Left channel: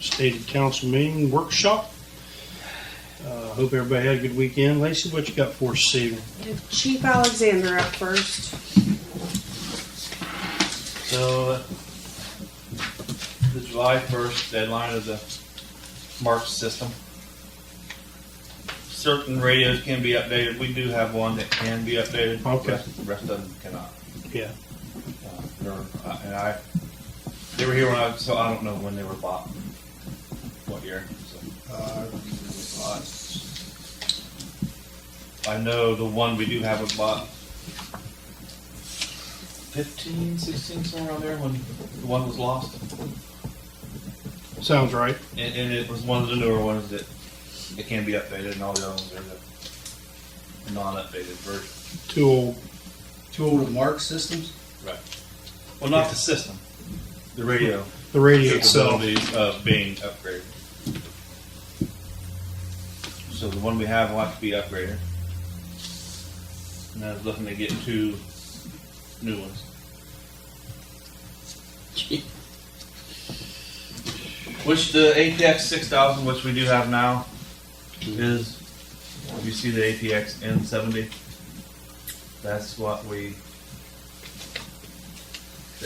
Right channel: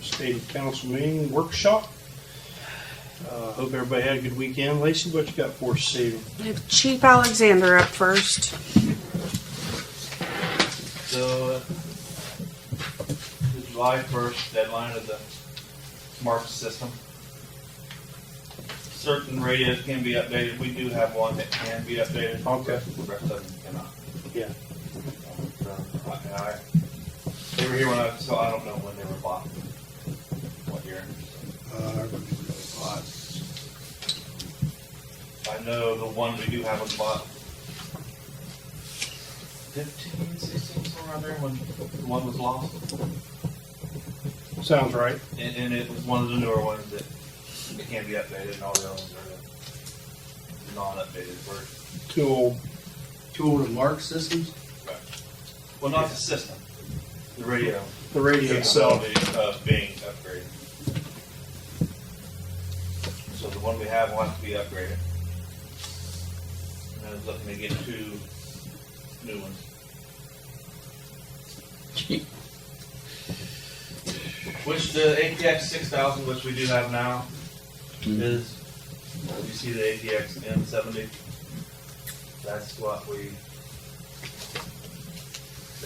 stated council meeting workshop. Hope everybody had a good weekend. Lacey, what you got for us this evening? We have Chief Alexander up first. So, the July 1st deadline of the MARC system. Certain radios can be updated. We do have one that can be updated. Okay. The rest of them cannot. Yeah. They were here when so I don't know when they were bought. What year? I know the one we do have was bought 15, 16, somewhere around there when the one was lost. Sounds right. And it was one of the newer ones that it can be updated, and all the other ones are the non-updated version. Too old. Two old Mark systems? Right. Well, not the system, the radio. The radio itself. Capability of being upgraded. So the one we have will have to be upgraded. And I was looking to get 2 new ones. Which the APX 6000, which we do have now, is, if you see the APX N70, that's what the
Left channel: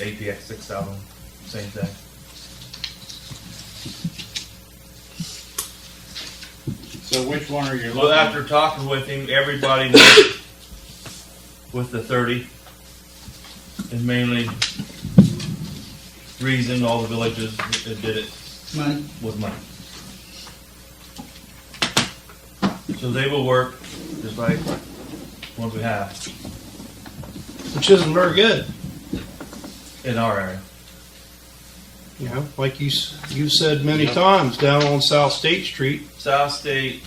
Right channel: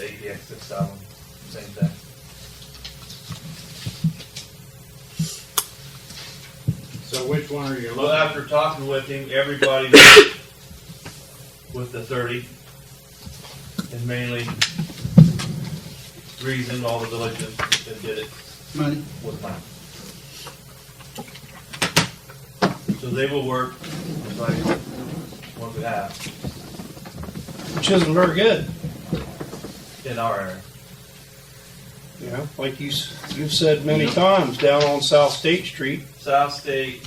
APX 6000, same thing. So which one are you looking Well, at? after talking with him, everybody with the 30 is mainly the reason all the villages that did it Money? was money. So they will work just like the ones we have Which isn't very good. in our area. You know, like you've said many times, down on South State Street, South State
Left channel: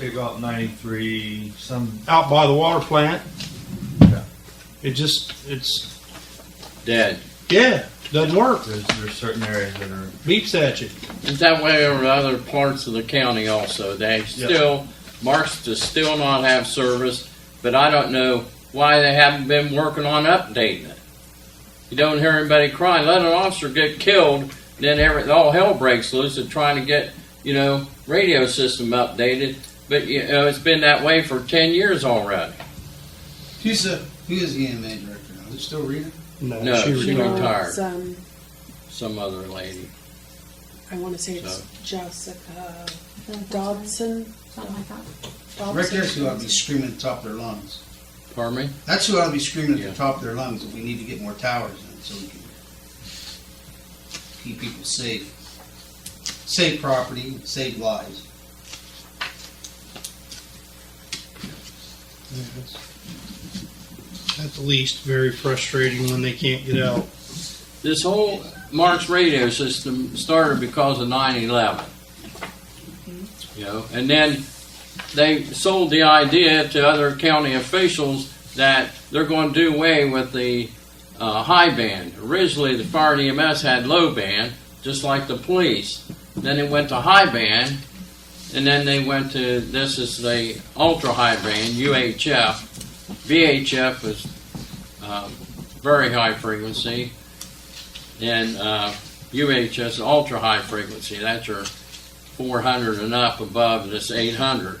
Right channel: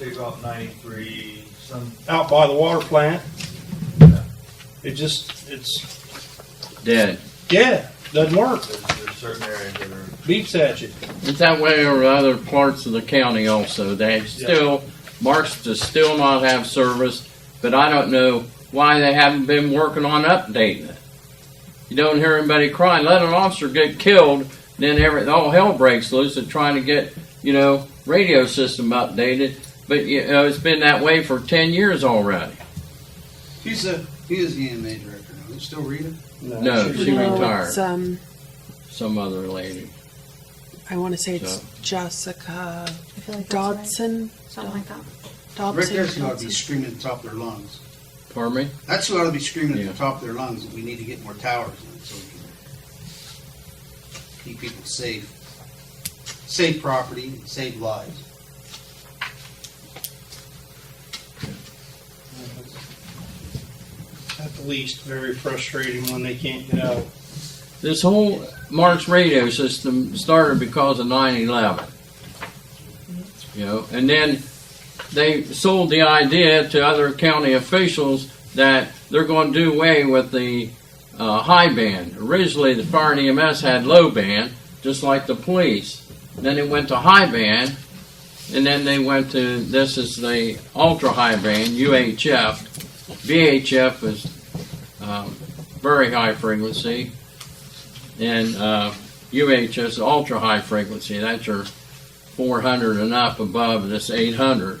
Route 93, some, out by the water plant, yeah, it's Dead. yeah, doesn't work. there's certain areas that are, Beeps at you. It's that way over other parts of the county also. They still, Marks does still not have service, but I don't know why they haven't been working on updating it. You don't hear anybody crying. Let an officer get killed, then all hell breaks loose at trying to get, radio system updated. But, it's been that way for 10 years already. He is the EMA director now. Is it still Rita? No, she retired. It's, Some other lady. I want to say it's So. Jessica I feel like that's right. Dodson. Something like that. Dobson. Right there's who ought to be screaming at the top of their lungs. Pardon me? That's who ought to be screaming at Yeah. the top of their lungs that we need to get more towers in so we can keep people safe. Save property, save lives. At the least, very frustrating when they can't get out. This whole Marks radio system started because of 9/11. And then they sold the idea to other county officials that they're going to do away with the high band. Originally, the fire and EMS had low band, just like the police. Then they went to high band, and then they went to, this is the ultra high band, UHF. VHF is very high frequency, and UHF is ultra high frequency. That's your 400 and up above this 800.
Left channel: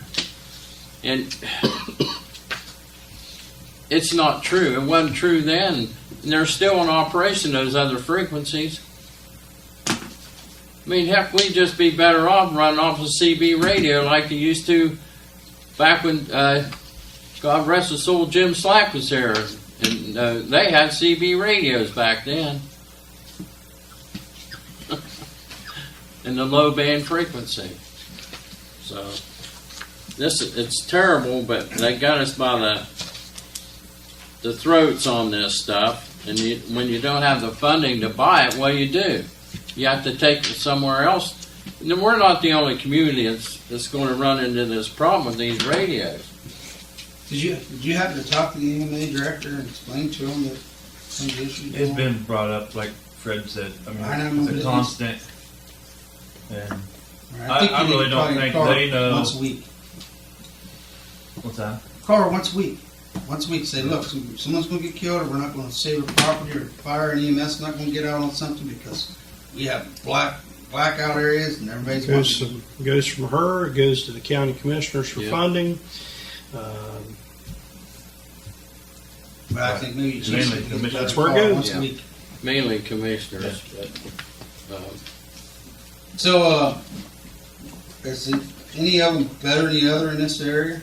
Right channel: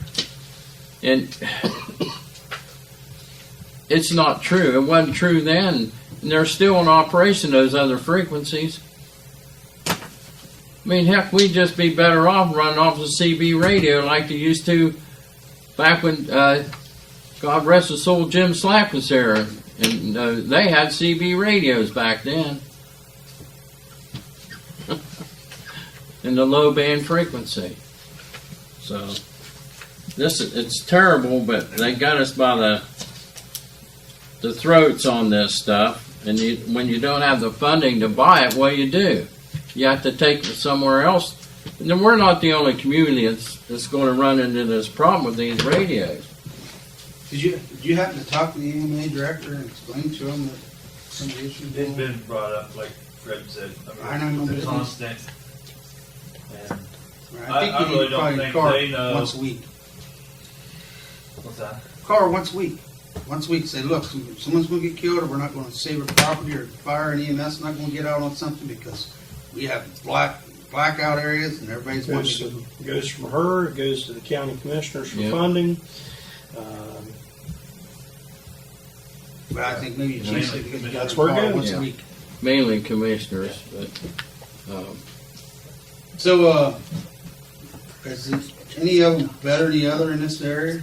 And it's not true. It wasn't true then. And they're still in operation, those other frequencies. I mean, heck, we'd just be better off running off a CB radio like they used to back when, God rest his soul, Jim Slack was there. And they had CB radios back then. In the low band frequency. So, it's terrible, but they got us by the throats on this stuff. And when you don't have the funding to buy it, what do? You have to take it somewhere else. And then we're not the only community that's going to run into this problem with these radios. Did you happen to talk to the EMA director and explain to him that some of the issues? it's been brought up, like Fred said, I I know, mean, but it's a constant. And I I really don't think they know. Once a week. What's that? Call her once a week. Once a week, say, look, someone's going to get killed, or we're not going to save a property, or fire and EMS not going to get out on something because we have black blackout areas and everybody's wanting. Goes from her, it goes to the county commissioners for Yeah. funding. But I think maybe Mainly Chief should get that's a where it call goes. once a Yeah. week. Mainly commissioners, but, So, is it any of them better than the other in this area?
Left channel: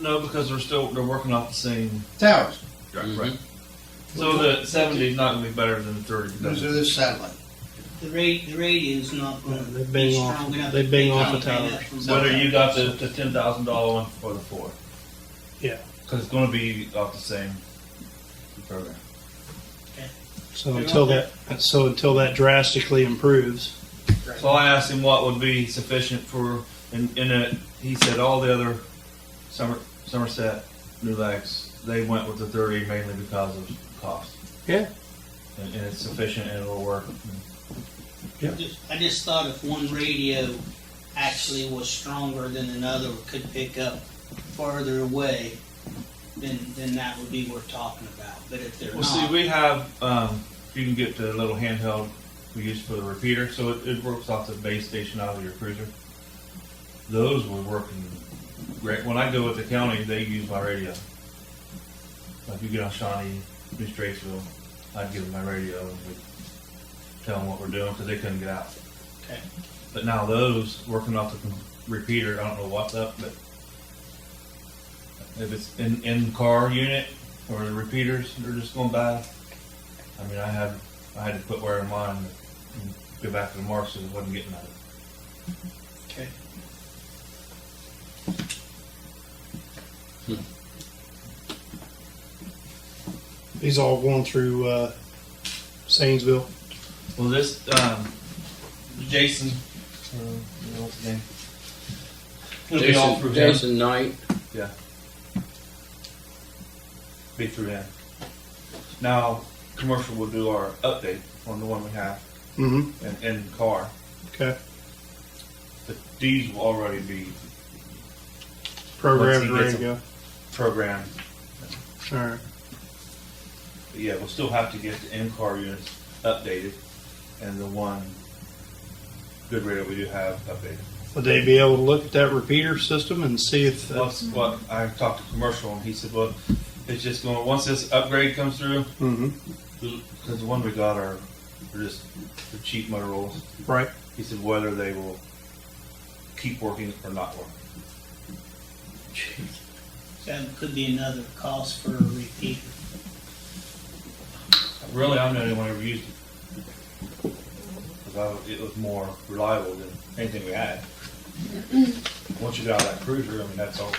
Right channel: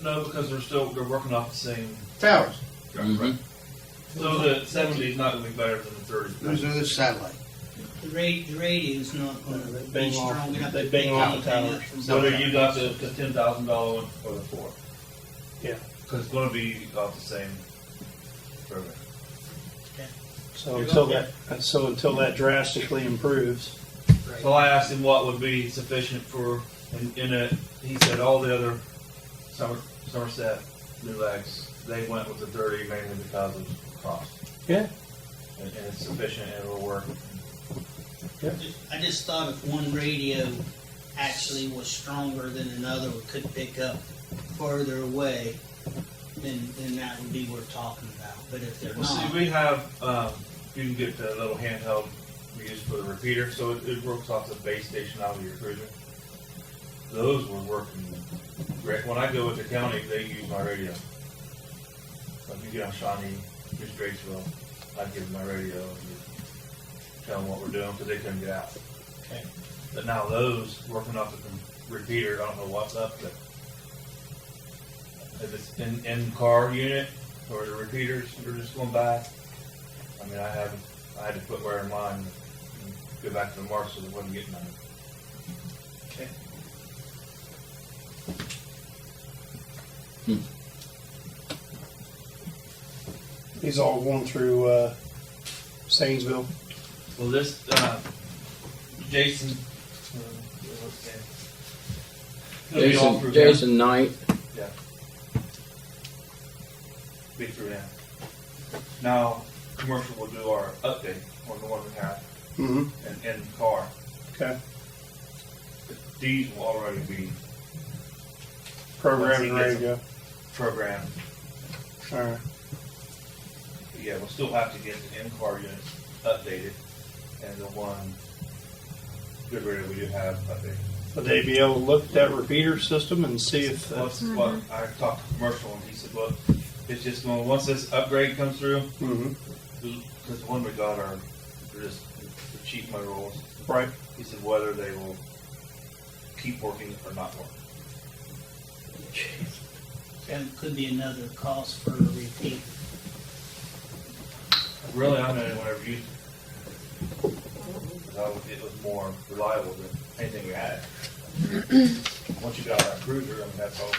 No, because they're working off the same. Towers. Right. So the 70 is not going to be better than the 30. Those are the satellite. The radio's not gonna They be bang strong off- enough. they to bang pick off the anything towers. up from Whether somewhere. you got the $10,000 one or the 4. Yeah. Because it's going to be off the same program. So until that drastically improves. So I asked him what would be sufficient for, and he said all the other Somerset New Legs, they went with the 30 mainly because of cost. Yeah. And it's sufficient and it'll work. I just thought if one radio actually was stronger than another or could pick up farther away, then that would be worth talking about. But if they're Well, see, not, we have, you can get the little handheld we use for the repeater, so it works off the base station out of your cruiser. Those were working great. When I go with the county, they use my radio. Like you get on Shawnee, New Straceville, I'd give them my radio and we'd tell them what we're doing because they couldn't get out. okay. But now those working off the repeater, I don't know what's up, but if it's in car unit or the repeaters, they're just going bad. I mean, I had to put wear in mine and go back to the mark so it wasn't getting none. Okay. These all going through Zanesville. Well, this Jason, what's his name? It'll be all through him. Jason Knight, Yeah. Be through him. Now, commercial will do our update on the one we have Mm-hmm. in the car. Okay. But these will already be Programmed, Once he ready to gets go. programmed. All right. But yeah, we'll still have to get the in-car units updated and the one good radio we do have updated. Would they be able to look at that repeater system and see if? What's what I talked to commercial and he said, well, it's just going once this upgrade comes through, Mm-hmm. because the one we got are they're just the cheap Motorola's. Right. He said whether they will keep working or not working. That could be another cost for a repeater. Really, I don't know anyone ever used it. Because it was more reliable than anything we had. Once you got out of that cruiser, I mean, that's all.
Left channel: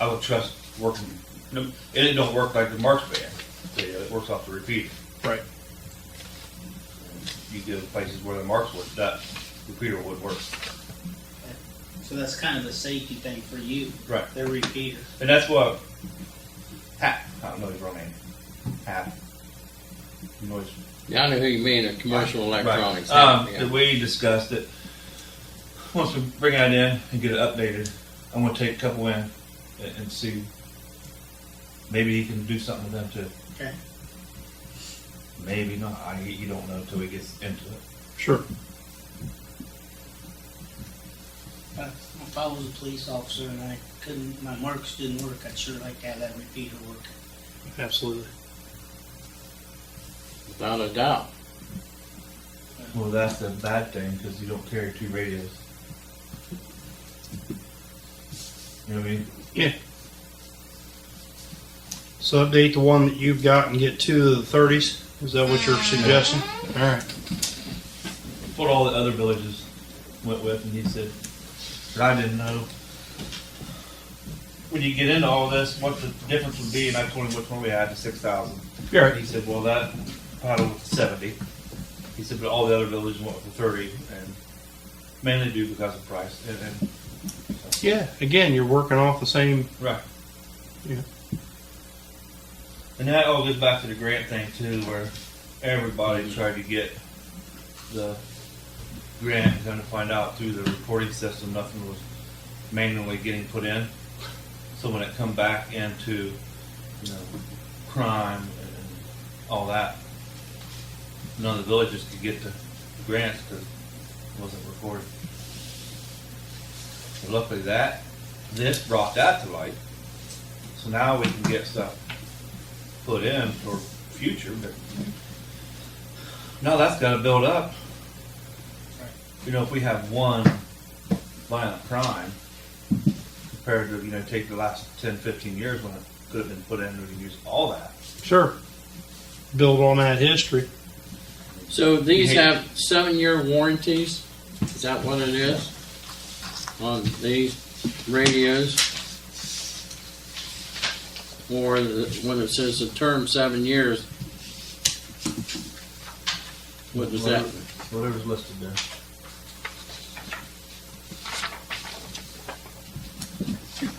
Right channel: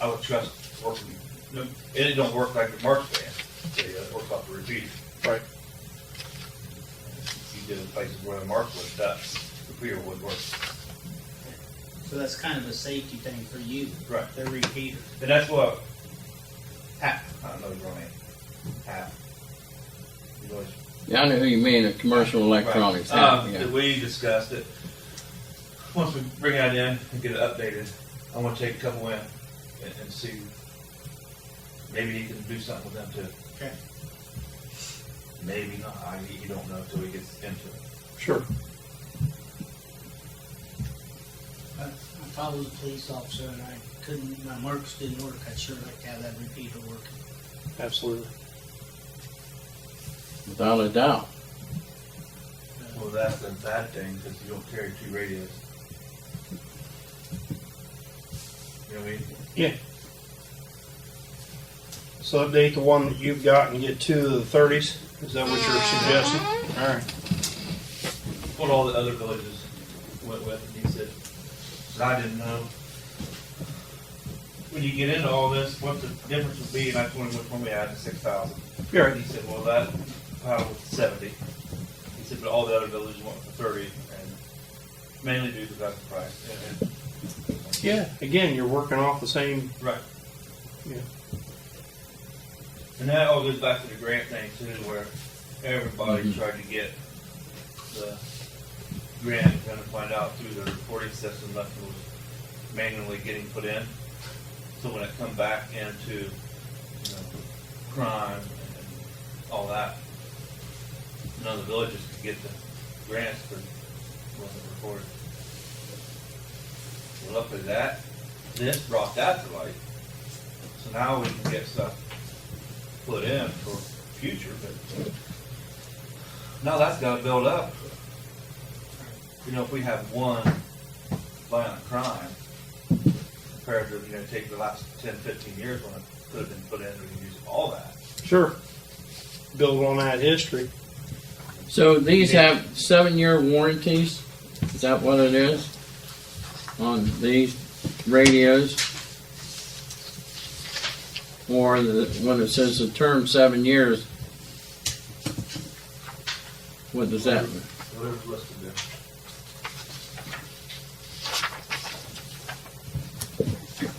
I would trust working. No, it don't work like the Marks band. It works off the repeater. Right. You get in places where the Marks would, that repeater would work. So that's kind of a safety thing for you. Right. They're repeaters. And that's what Hap, I don't know his real name. Hap. You know his yeah, I know who you mean, a commercial electronics. Right. Yeah. That we discussed it. Once we bring that in and get it updated, I'm gonna take a couple in and see. Maybe he can do something with them too. Okay. Maybe not. You don't know until he gets into it. Sure. If I was a police officer and I couldn't, my marks didn't work, I'd sure like to have that repeater working. Absolutely. Without a doubt. Well, that's the bad thing because you don't carry two radios. You know what I mean? Yeah. So update the one that you've got and get two of the 30s. Is that what you're suggesting? All right. What all the other villages went with, and he said, I didn't know. When you get into all this, what the difference would be, and I told him which one we had, the 6,000. You're right. He said, well, that paddle with 70. He said, but all the other villages went with the 30, and mainly due because of price. And Yeah. Again, you're working off the same. right. Yeah. And that all goes back to the grant thing too, where everybody tried to get the grant, and kind of find out through the reporting system, nothing was manually getting put in. So when it come back into, crime and all that, None of the villages could get the grants because it wasn't recorded. Well, luckily this brought that to light. So now we can get stuff put in for future, but now that's gotta build up. You know, if we have one violent crime, compared to, you know, take the last 10, 15 years when it could have been put in, we can use all that. Sure. Build on that history. So these have 7-year warranties? Is that what it is? On these radios? Or when it says the term 7 years, what does that mean? Whatever's listed there.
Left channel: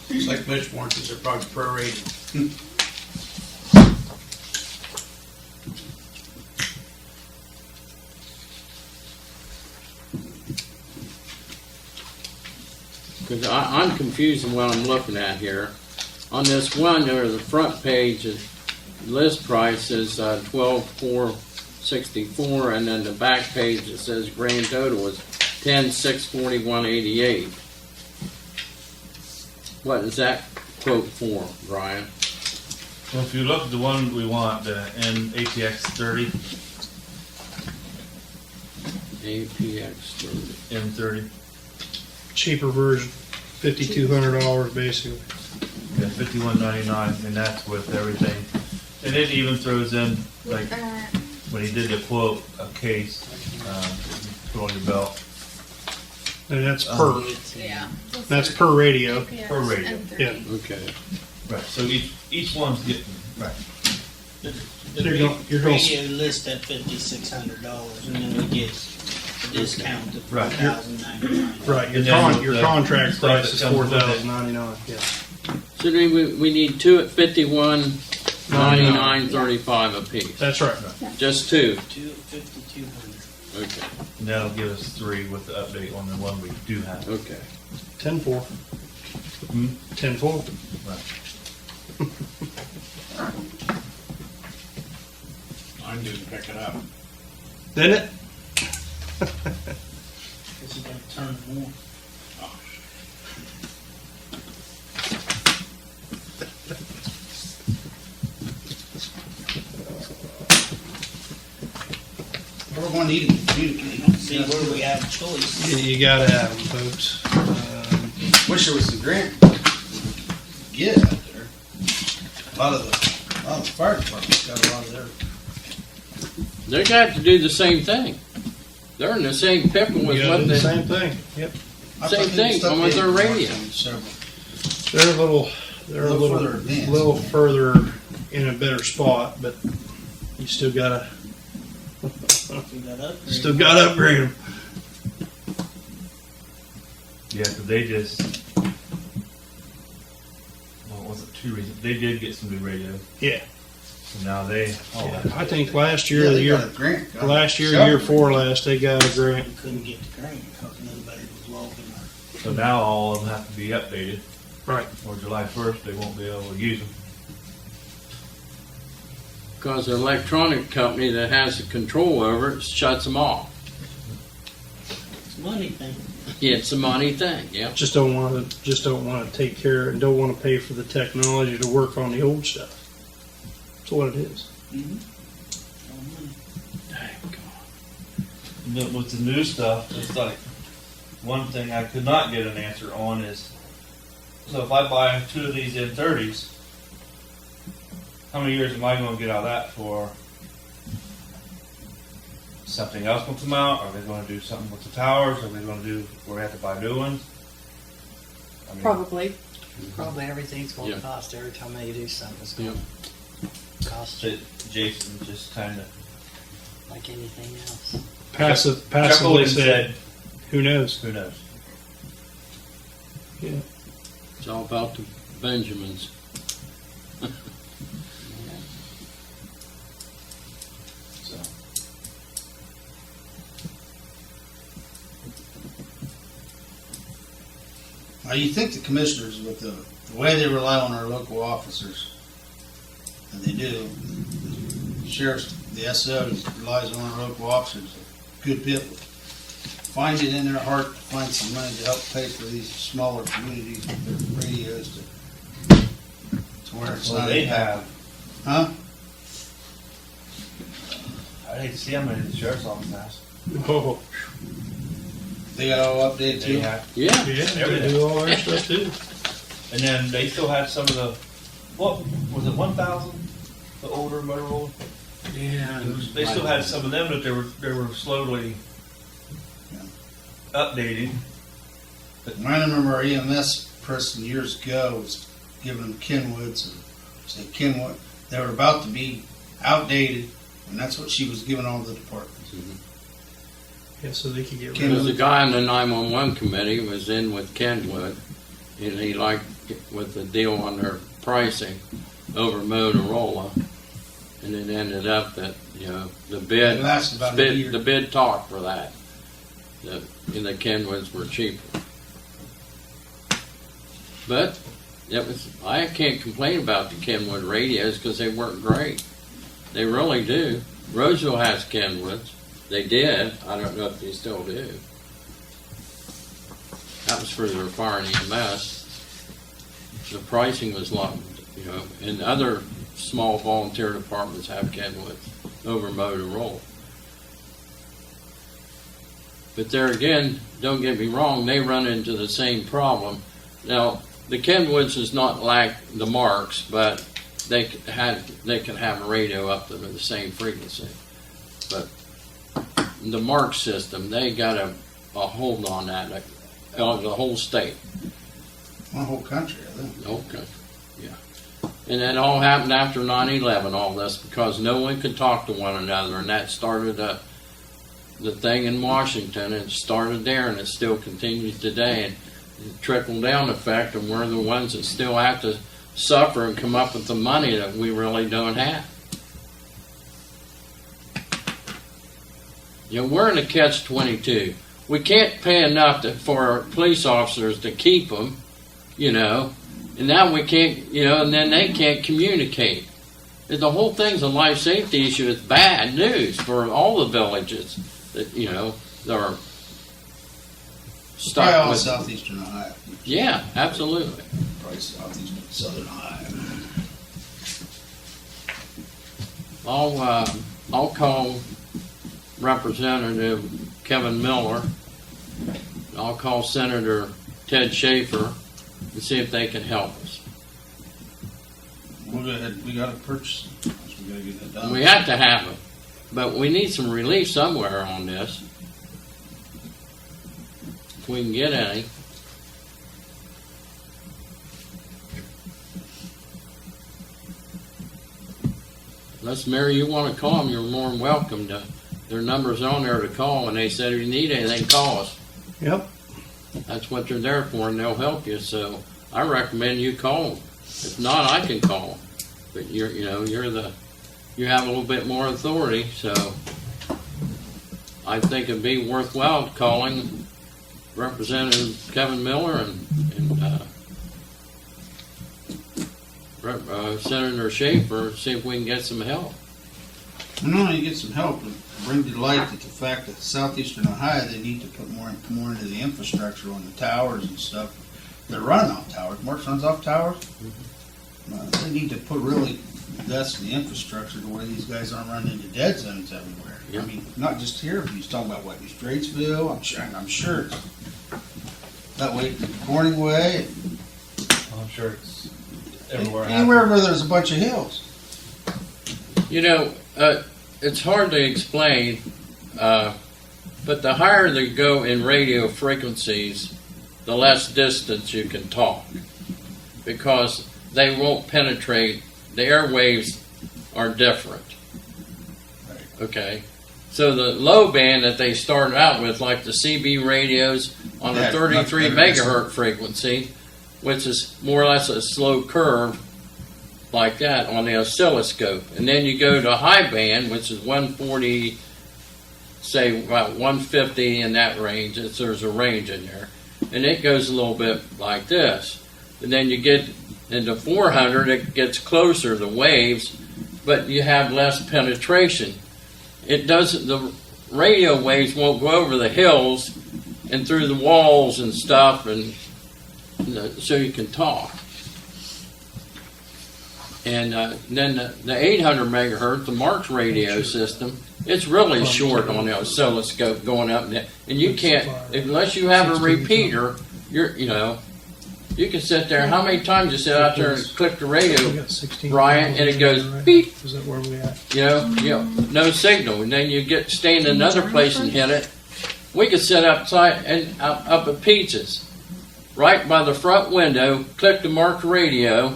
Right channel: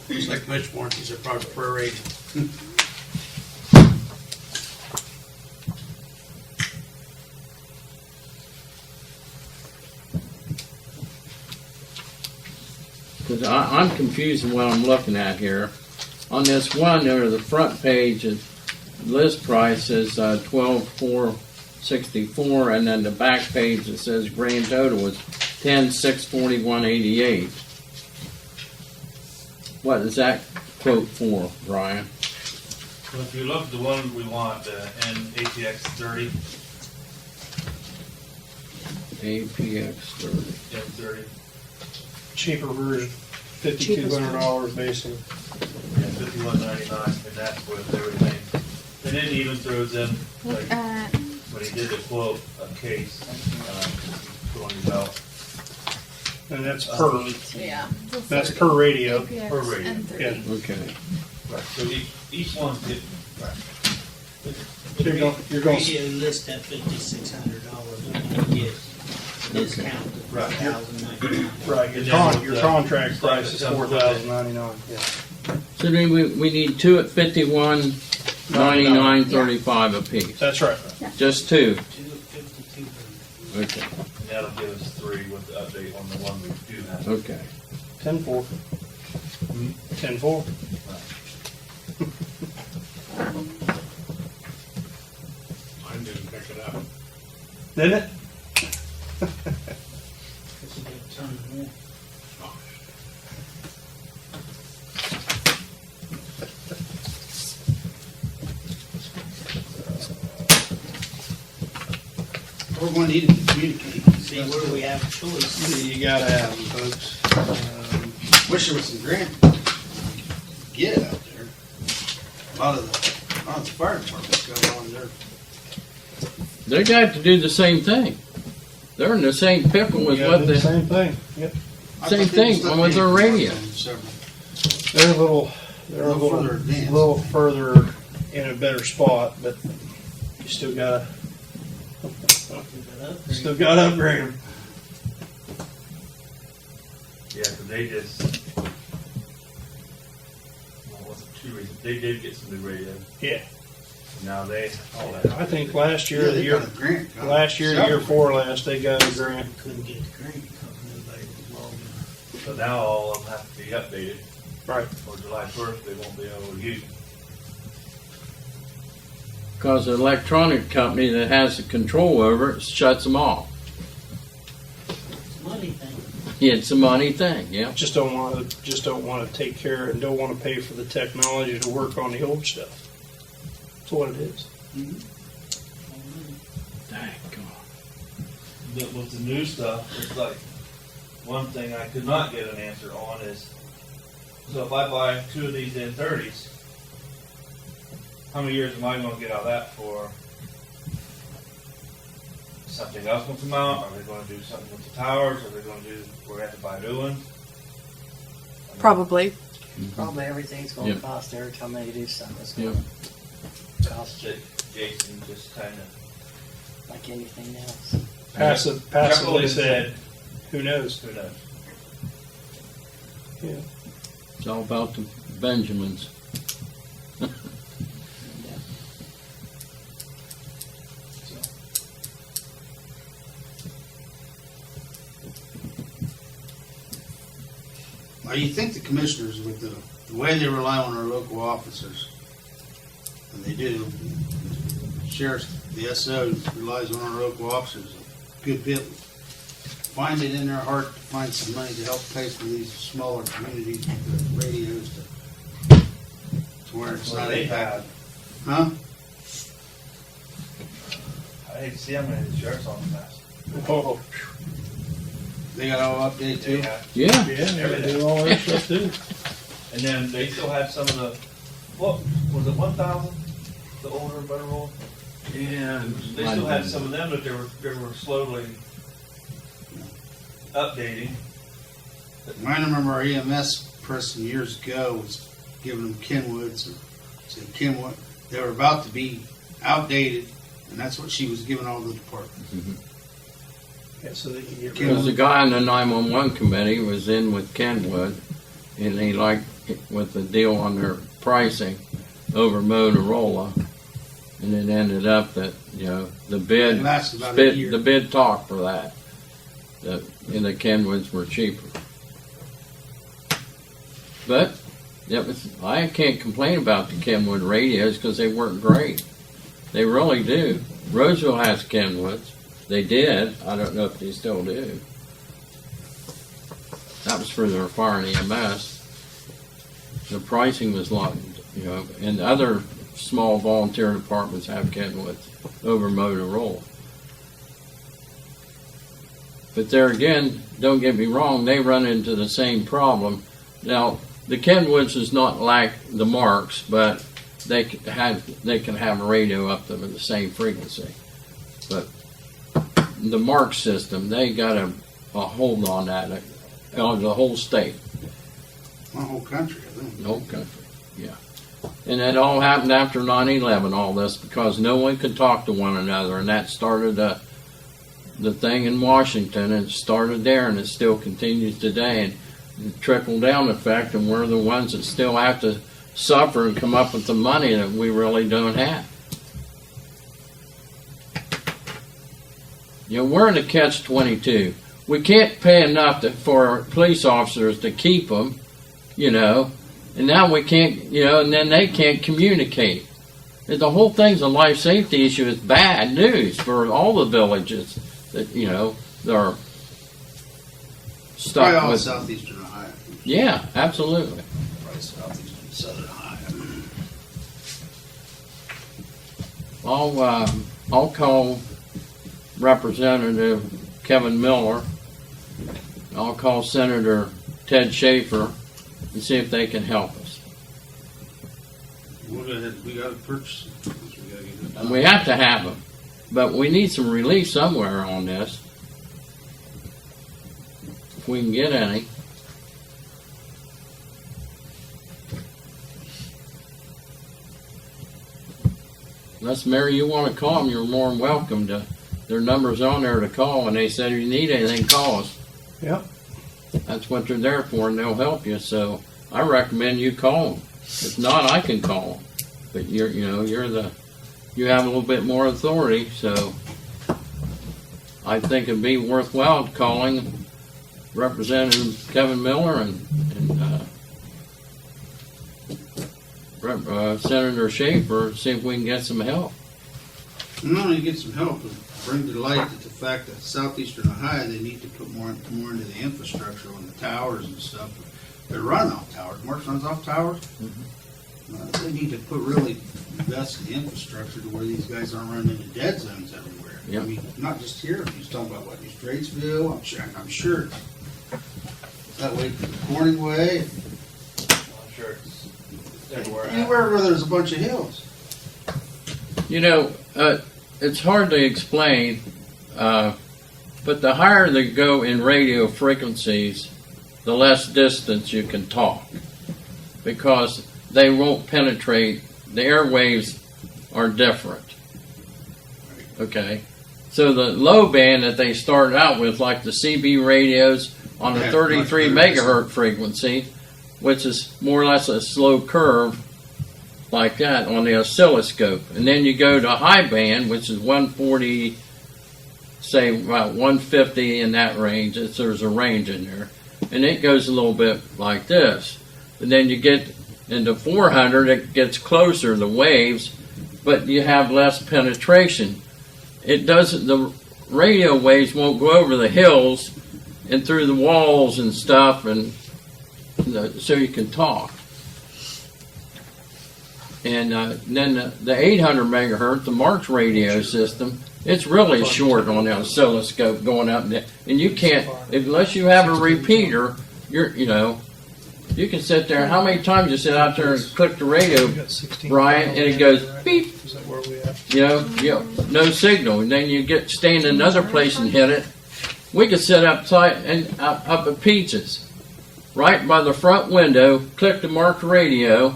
It's like bush warranties are probably prorated. Because I'm confused in what I'm looking at here. On this one, there, the front page, the list price is $12,464, and then the back page it says grand total is $10,641.88. What is that quote for, Brian? Well, if you look at the one we want, the APX 30, APX 30. M30, Cheaper version, $5,200 basically. yeah, $51.99, and that's with everything. And it even throws in, like, when he did the quote, a case, you put on your belt, And that's Yeah. per radio. per radio. Yeah. Okay. Right, so each one's getting, right. So you're going, Radio list at $5,600, and then we get a discount of Right. $4,099. right, And then with your the contract stuff price that is comes with it. $4,099, yeah. So do we need two at $51.99.35 a piece. That's right. Just two. 5,200. Okay. And that'll give us 3 with the update on the one we do have. Okay. 10-4. Hmm? 10-4. Right. Mine didn't pick it up. Didn't it? It's about to turn more. We're going to need to communicate. See where we have a choice. You gotta have them, folks. Wish there was some grant get out there. A lot of the fire departments got a lot of their. They got to do the same thing. They're in the same pickle You with gotta what do the they. same thing, yep. Same thing with their radio. They're a little further advanced. little further in a better spot, but you still gotta upgrade them. Yeah, because they just, well, it wasn't 2 reasons. They did get some new radios. Yeah. And now they, I think last year, or the year, last year, Several. year before last, they got a grant. We couldn't get the grant because nobody was logging our. so now all of them have to be updated, Right. or July 1st, they won't be able to use them. Because the electronic company that has the control over it shuts them off. It's a money thing. It's a money thing, yeah. Just don't want to take care and don't want to pay for the technology to work on the old stuff. That's what it is. But with the new stuff, it's like, one thing I could not get an answer on is, so if I buy 2 of these N30s, how many years am I going to get out of that for something else will come out? Are they going to do something with the towers? Are they going to do where we have to buy new ones? I mean, Probably. Probably everything's gonna Yeah. cost every time they do something. It's Yeah. gonna cost Jason just kind of like anything else. Passively said, who knows? who knows? Yeah. It's all about the Benjamins. So. Now, you think the commissioners, with the way they rely on our local officers, and they do, the sheriff's the SO relies on our local officers, good people. Find it in their heart to find some money to help pay for these smaller communities with their radios to where it's Well, not. they have. Huh? I hate to see how many the sheriff's office has. Oh, They got all updated They too? have, Yeah, yeah, they do all their stuff too. and then they still had some of the, what, was it 1,000? The older Motorola? yeah. They still had some of them that they were slowly updating. I remember our EMS person years ago was giving them Kenwoods, or said Kenwood, they were about to be outdated, and that's what she was giving all the departments. Yeah, so they could get rid Ken- of Because the guy on the 911 committee was in with Kenwood, and he liked it with the deal on their pricing over Motorola, and it ended up that, you know, the bid, It lasted about a year. the bid talked for that. And the Kenwoods were cheaper. But, I can't complain about the Kenwood radios because they work great. They really do. Roseville has Kenwoods. They did. I don't know if they still do. That was for their fire and EMS. The pricing was a lot, you know, and other small volunteer departments have Kenwoods over Motorola. But there again, don't get me wrong, they run into the same problem. Now, the Kenwoods is not like the Marks, but they can have a radio up to the same frequency. But the Mark system, they got a hold on that, on the whole state, The whole country, I think. the whole country, yeah. And it all happened after 9/11, all this, because no one could talk to one another, and that started the thing in Washington. It started there, and it still continues today, and the trickle-down effect, and we're the ones that still have to suffer and come up with the money that we really don't have. You know, we're in a catch-22. We can't pay enough for our police officers to keep them, you know, and now we can't, you know, and then they can't communicate. The whole thing's a life safety issue. It's bad news for all the villages that, you know, they're Probably stuck all with. southeastern Ohio. Yeah, absolutely. Probably southeastern, southern Ohio. I'll call Representative Kevin Miller. I'll call Senator Ted Schaefer and see if they can help us. We'll go ahead, we gotta purchase them. We gotta get it done. We have to have them, but we need some relief somewhere on this. If we can get any. Unless, Mary, you want to call them, you're more than welcome to. Their number's on there to call, and they said if you need anything, call us. Yep. That's what they're there for, and they'll help you. So I recommend you call them. If not, I can call them. But you have a little bit more authority, so I think it'd be worthwhile calling Representative Kevin Miller and Senator Schaefer and see if we can get some help. And not only get some help, but bring to light that the fact that southeastern Ohio, they need to put more into the infrastructure on the towers and stuff. They're running off towers. Mark runs off towers. They need to put really that's the infrastructure to where these guys aren't running into dead zones everywhere. Yep. I mean, not just here. He's talking about what, East Dratesville. I'm sure it's that way to Corning Way. I'm sure it's everywhere. Anywhere where there's a bunch of hills. You know, it's hard to explain, but the higher they go in radio frequencies, the less distance you can talk, because they won't penetrate. The airwaves are different. Okay? So the low band that they started out with, like the CB radios on the Yeah, 33 much better. megahertz frequency, which is more or less a slow curve like that on the oscilloscope. And then you go to high band, which is 140, say about 150 in that range. There's a range in there. And it goes a little bit like this. And then you get into 400, it gets closer, the waves, but you have less penetration. It doesn't, the radio waves won't go over the hills and through the walls and stuff, and so you can talk. And then the 800 megahertz, the Mark's radio system, it's really short on the oscilloscope going up and down. And you can't, unless you have a repeater, you can sit there. How many times you sit out there and click the radio, We got 16 Brian, and it goes beep. Is that where we at? No signal. And then you stand in another place and hit it. We could sit outside and up at Peaches, right by the front window, click the Mark's radio.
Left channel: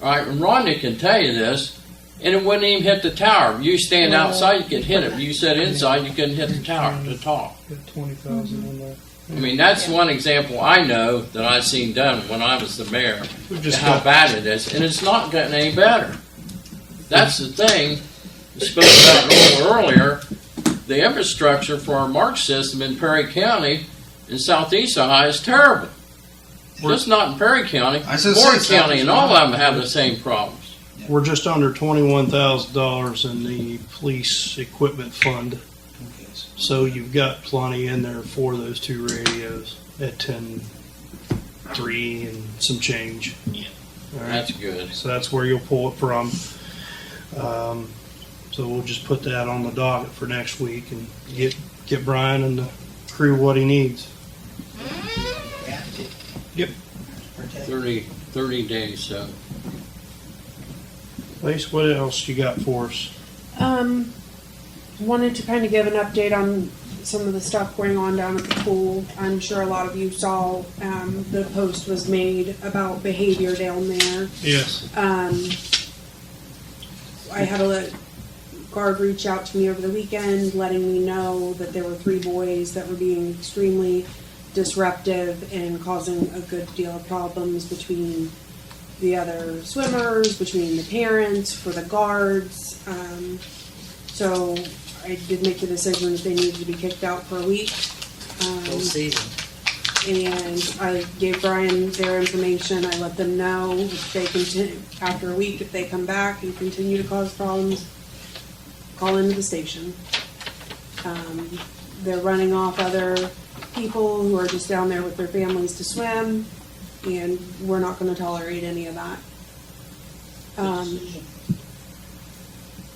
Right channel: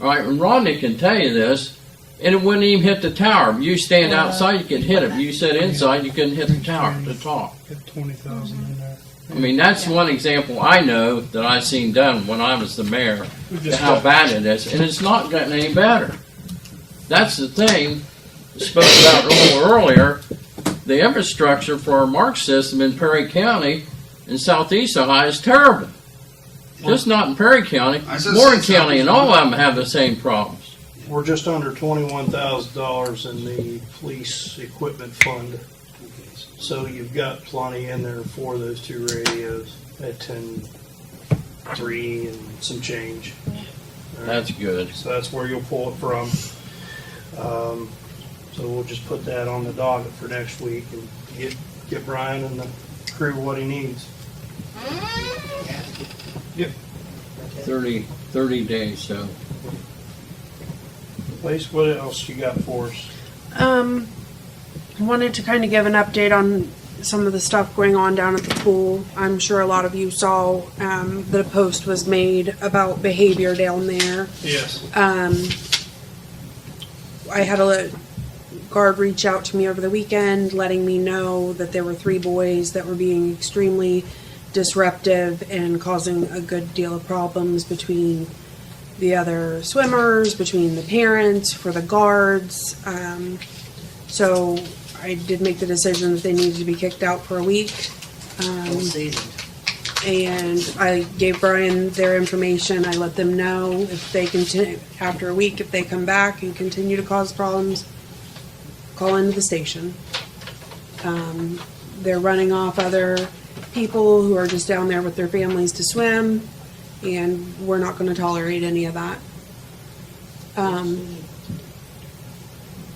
All right, and Rodney can tell you this, and it wouldn't even hit the tower. You stand outside, you can hit it. You sit inside, you couldn't hit the tower to talk. Got 20,000 in there. I mean, that's one example I know that I've seen done when I was the mayor, We've to just how got, bad it is, and it's not getting any better. That's the thing we spoke about a little earlier. The infrastructure for our Mark system in Perry County in southeast Ohio is terrible. Just not in Perry County, I said Warren south- County, and all of them have the same problems. we're just under $21,000 in the police equipment fund. So you've got plenty in there for those two radios at 10.3 and some change. All right. That's good. So that's where you'll pull it from. So we'll just put that on the docket for next week and get Brian and the crew what he needs. Yep. 30 days, so. Lacey, what else you got for us? Wanted to kind of give an update on some of the stuff going on down at the pool. I'm sure a lot of you saw the post was made about behavior down there. Yes. I had a guard reach out to me over the weekend, letting me know that there were 3 boys that were being extremely disruptive and causing a good deal of problems between the other swimmers, between the parents, for the guards. So I did make the decision that they needed to be kicked out for a week. Full season. And I gave Brian their information. I let them know if they continue, after a week, if they come back and continue to cause problems, call into the station. They're running off other people who are just down there with their families to swim, and we're not gonna tolerate any of that.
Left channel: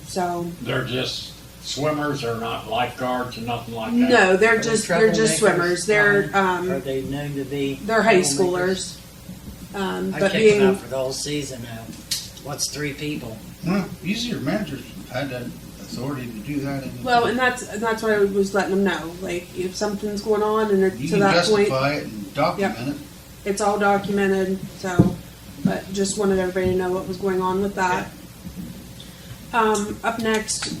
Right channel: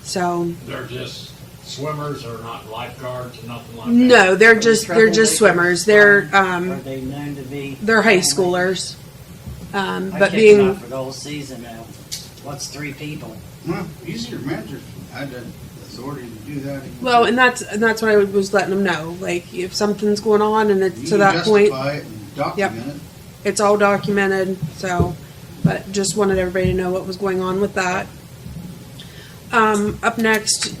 So, They're just swimmers, they're not lifeguards or nothing like that? no, they're just swimmers. They're, Are they known to be? they're high schoolers. I But kicked being, them out for the whole season now. What's 3 people? No, easier managers have had the authority to do that. well, and that's what I was letting them know. Like, if something's going on and You it's to can that point, justify it and document it. it's all documented, so, but just wanted everybody to know what was going on with that. Up next,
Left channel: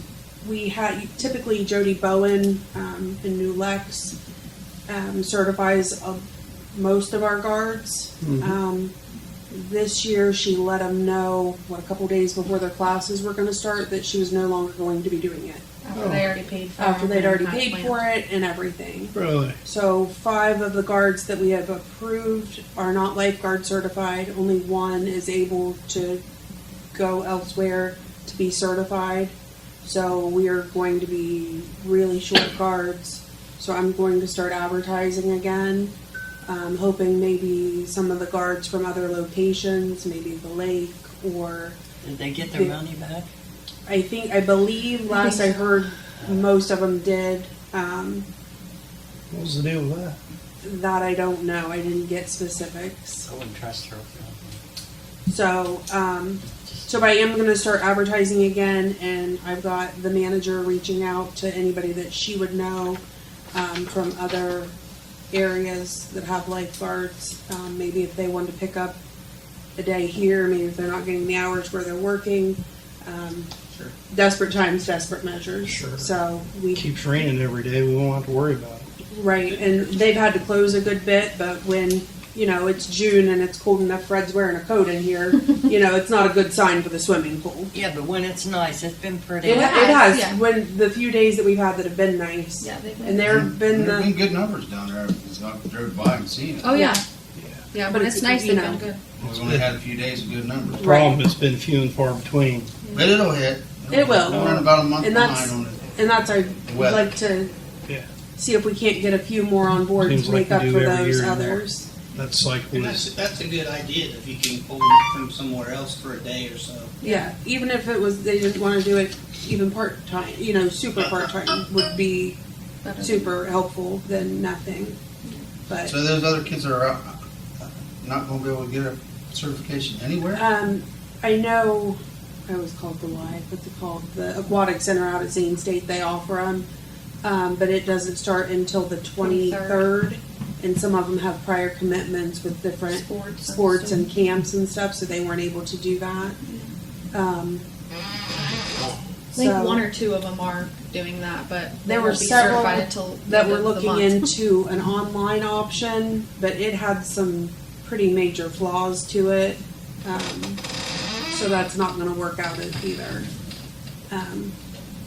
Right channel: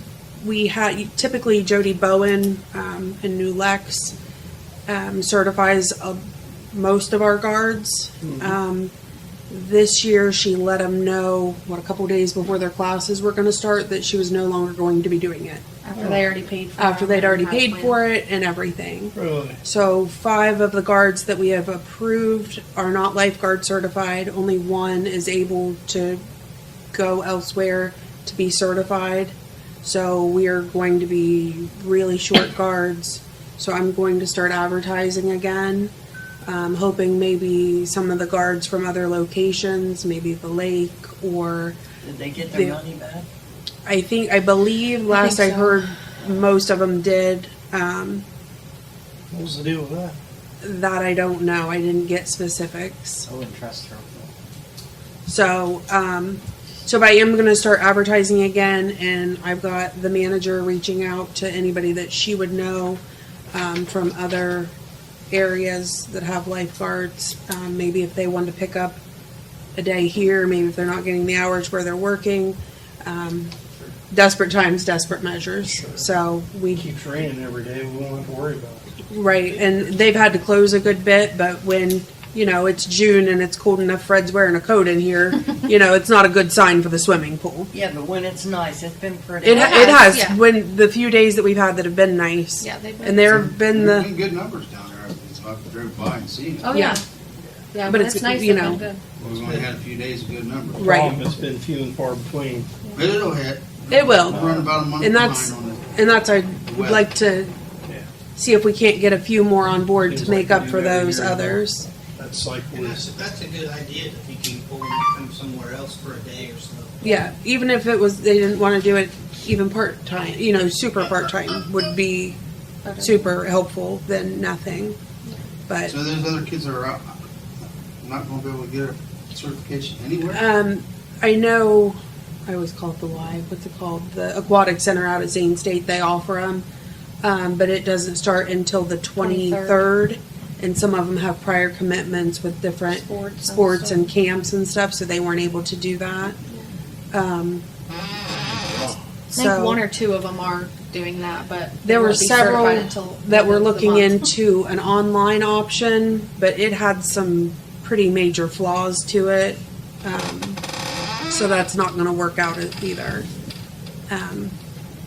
we had, typically Jody Bowen, in New Lex, certifies most of our guards. This year, she let them know, a couple days before their classes were gonna start, that she was no longer going to be doing it. After they already paid for it. After they'd already paid for it and everything. Really? So 5 of the guards that we have approved are not lifeguard certified. Only 1 is able to go elsewhere to be certified. So we are going to be really short guards. So I'm going to start advertising again. Hoping maybe some of the guards from other locations, maybe the lake, or Did they get their money back? I believe last I so. heard most of them did. What was the deal with that? That I don't know. I didn't get specifics. I wouldn't trust her. So, but I am gonna start advertising again, and I've got the manager reaching out to anybody that she would know, from other areas that have lifeguards. Maybe if they wanted to pick up a day here, maybe if they're not getting the hours where they're working. Desperate times, desperate measures. Sure. So It keeps raining every day, we won't have to worry about it. right, and they've had to close a good bit, but when, it's June and it's cold enough, Fred's wearing a coat in here, it's not a good sign for the swimming pool. Yeah, but when it's nice, it's been pretty. It has, yeah. when the few days that we've had that have been nice. Yeah, they've been. And there have been There've the, been good numbers down there. I've drove by and seen it. Oh, yeah. Yeah, But but it's, it's nice. you They've know. been good. We've only had a few days of good numbers. Right. Problem, it's been few and far between. But it'll hit. It will. We'll run about a month And behind that's- on it. And that's, I'd Weather. like to Yeah. see if we can't get a few more on board Seems to like make we up do for every those year. others. That cycle And is, that's a good idea, if you can pull them from somewhere else for a day or so. Yeah, even if it was, they didn't want to do it even part-time, you know, super part-time would be Better. super helpful than nothing. But, So there's other kids that are out, not gonna be able to get a certification anywhere? I know, I always call it the live, what's it called? The Aquatic Center out at Zane State, they offer them. But it doesn't start until the 23rd. And some of them have prior commitments with different sports and camps and stuff, so they weren't able to do that. I think one or two of them are doing that, but they There were won't be several certified until that the were end of the looking month. into an online option, but it had some pretty major flaws to it. So that's not gonna work out either.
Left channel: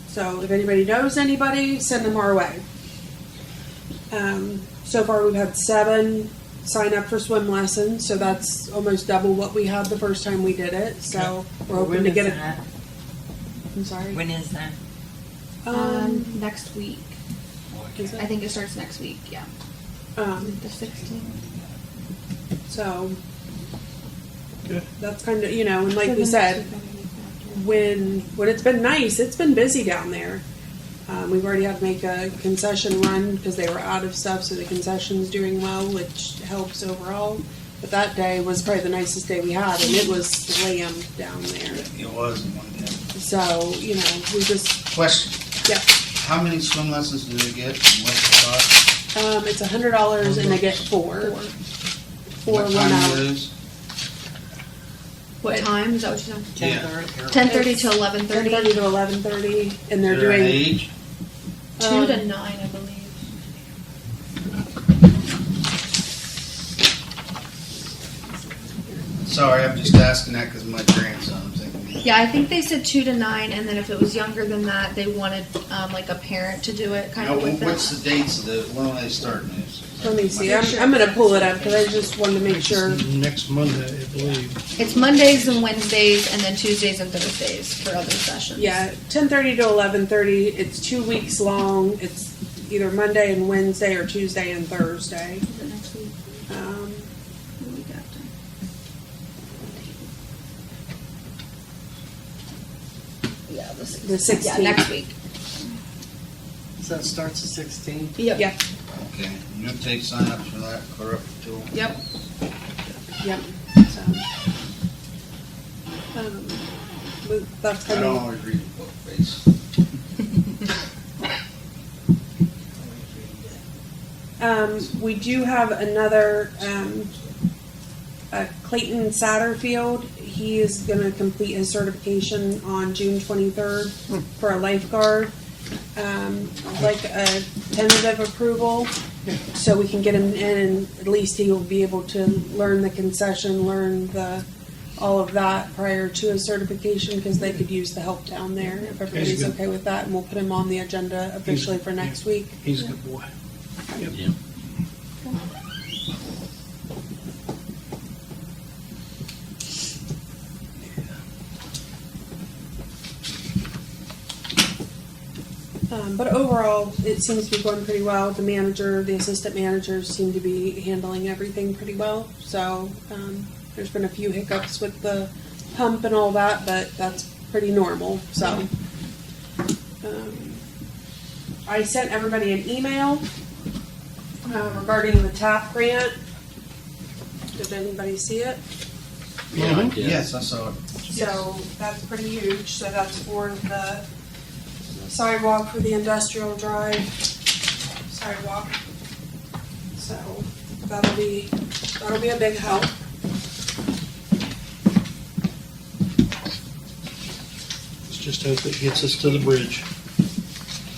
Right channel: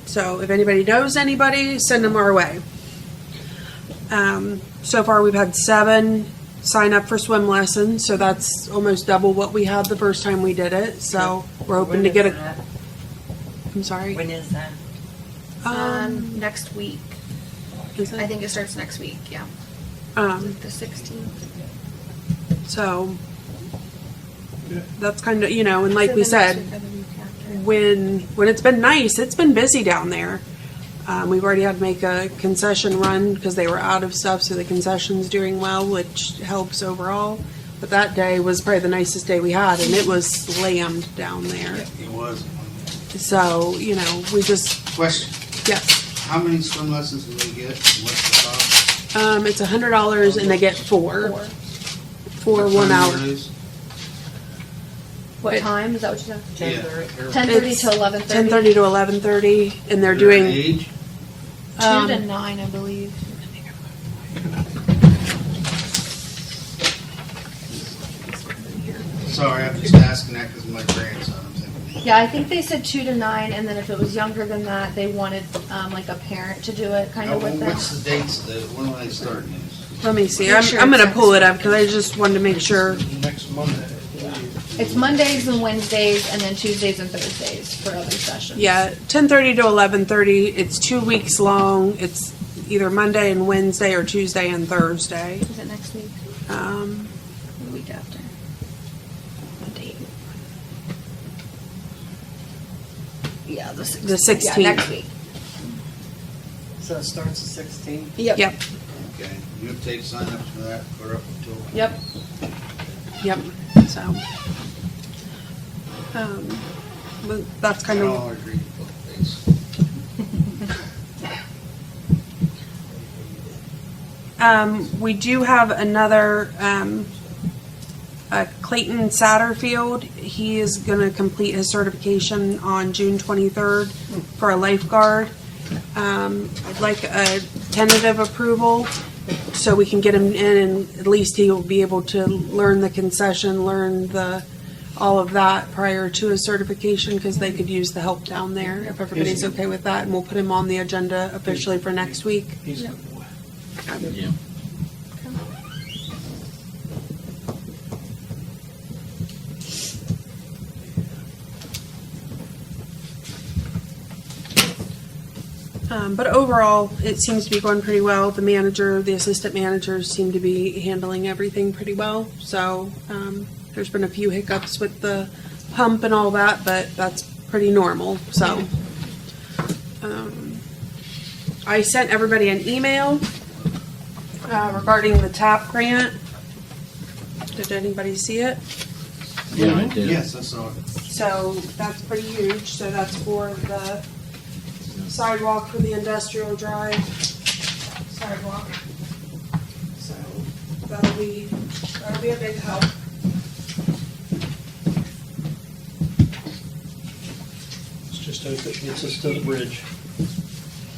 So if anybody knows anybody, send them our way. So far, we've had 7 sign up for swim lessons, so that's almost double what we had the first time we did it. So we're hoping When to is get that? I'm sorry. When is that? Next week. Is it? I think it starts next week. Yeah, like the 16th. So Good. that's kind of, you know, and like So we the said, next week, I think, after. when it's been nice, it's been busy down there. We've already had to make a concession run because they were out of stuff, so the concession's doing well, which helps overall. But that day was probably the nicest day we had, and it was slammed down there. It wasn't one, yeah. So, you know, we just, Question, yeah. how many swim lessons do they get? And what's the cost? It's $100 and they get 4. 4 What 1 time hour. they lose? What time is that? What you said? Yeah. 10:30 It's to 11:30. 10:30 to 11:30, and they're Their doing, age? 2 to 9, I believe. Sorry, I'm just asking that because my grandson, I'm thinking. Yeah, I think they said 2 to 9, and then if it was younger than that, they wanted like a parent to do it, kind Now, of with what's them. the dates of the, when will they start news? let me see, Make sure I'm gonna it's pull it next up because I just wanted to make sure. next Monday, I believe. It's Mondays and Wednesdays, and then Tuesdays and Thursdays for other sessions. Yeah, 10:30 to 11:30. It's 2 weeks long. It's either Monday and Wednesday or Tuesday and Thursday. Is it next week? Um, The week after. What date? Yeah, the 16th. The 16th. Yeah, next week. So it starts at 16? Yep. Yep, Okay, you have to take sign-ups for that, correct, Joel? Yep. yep. So, but that's I kind don't of. always read the book face. We do have another, Clayton Satterfield. He is gonna complete his certification on June 23rd for a lifeguard. I'd like a tentative approval so we can get him in and at least he'll be able to learn the concession, learn all of that prior to his certification because they could use the help down there if everybody's good. okay with that. And we'll put him on the agenda officially for next week. He's a good boy. Yeah. But overall, it seems to be going pretty well. The manager, the assistant managers seem to be handling everything pretty well. So there's been a few hiccups with the pump and all that, but that's pretty normal. So I sent everybody an email regarding the TAP grant. Did anybody see it? Yeah, I did. Yes, I saw it. So that's pretty huge. So that's for the sidewalk for the industrial drive sidewalk. So that'll be a big help. Let's just hope it gets us to the bridge.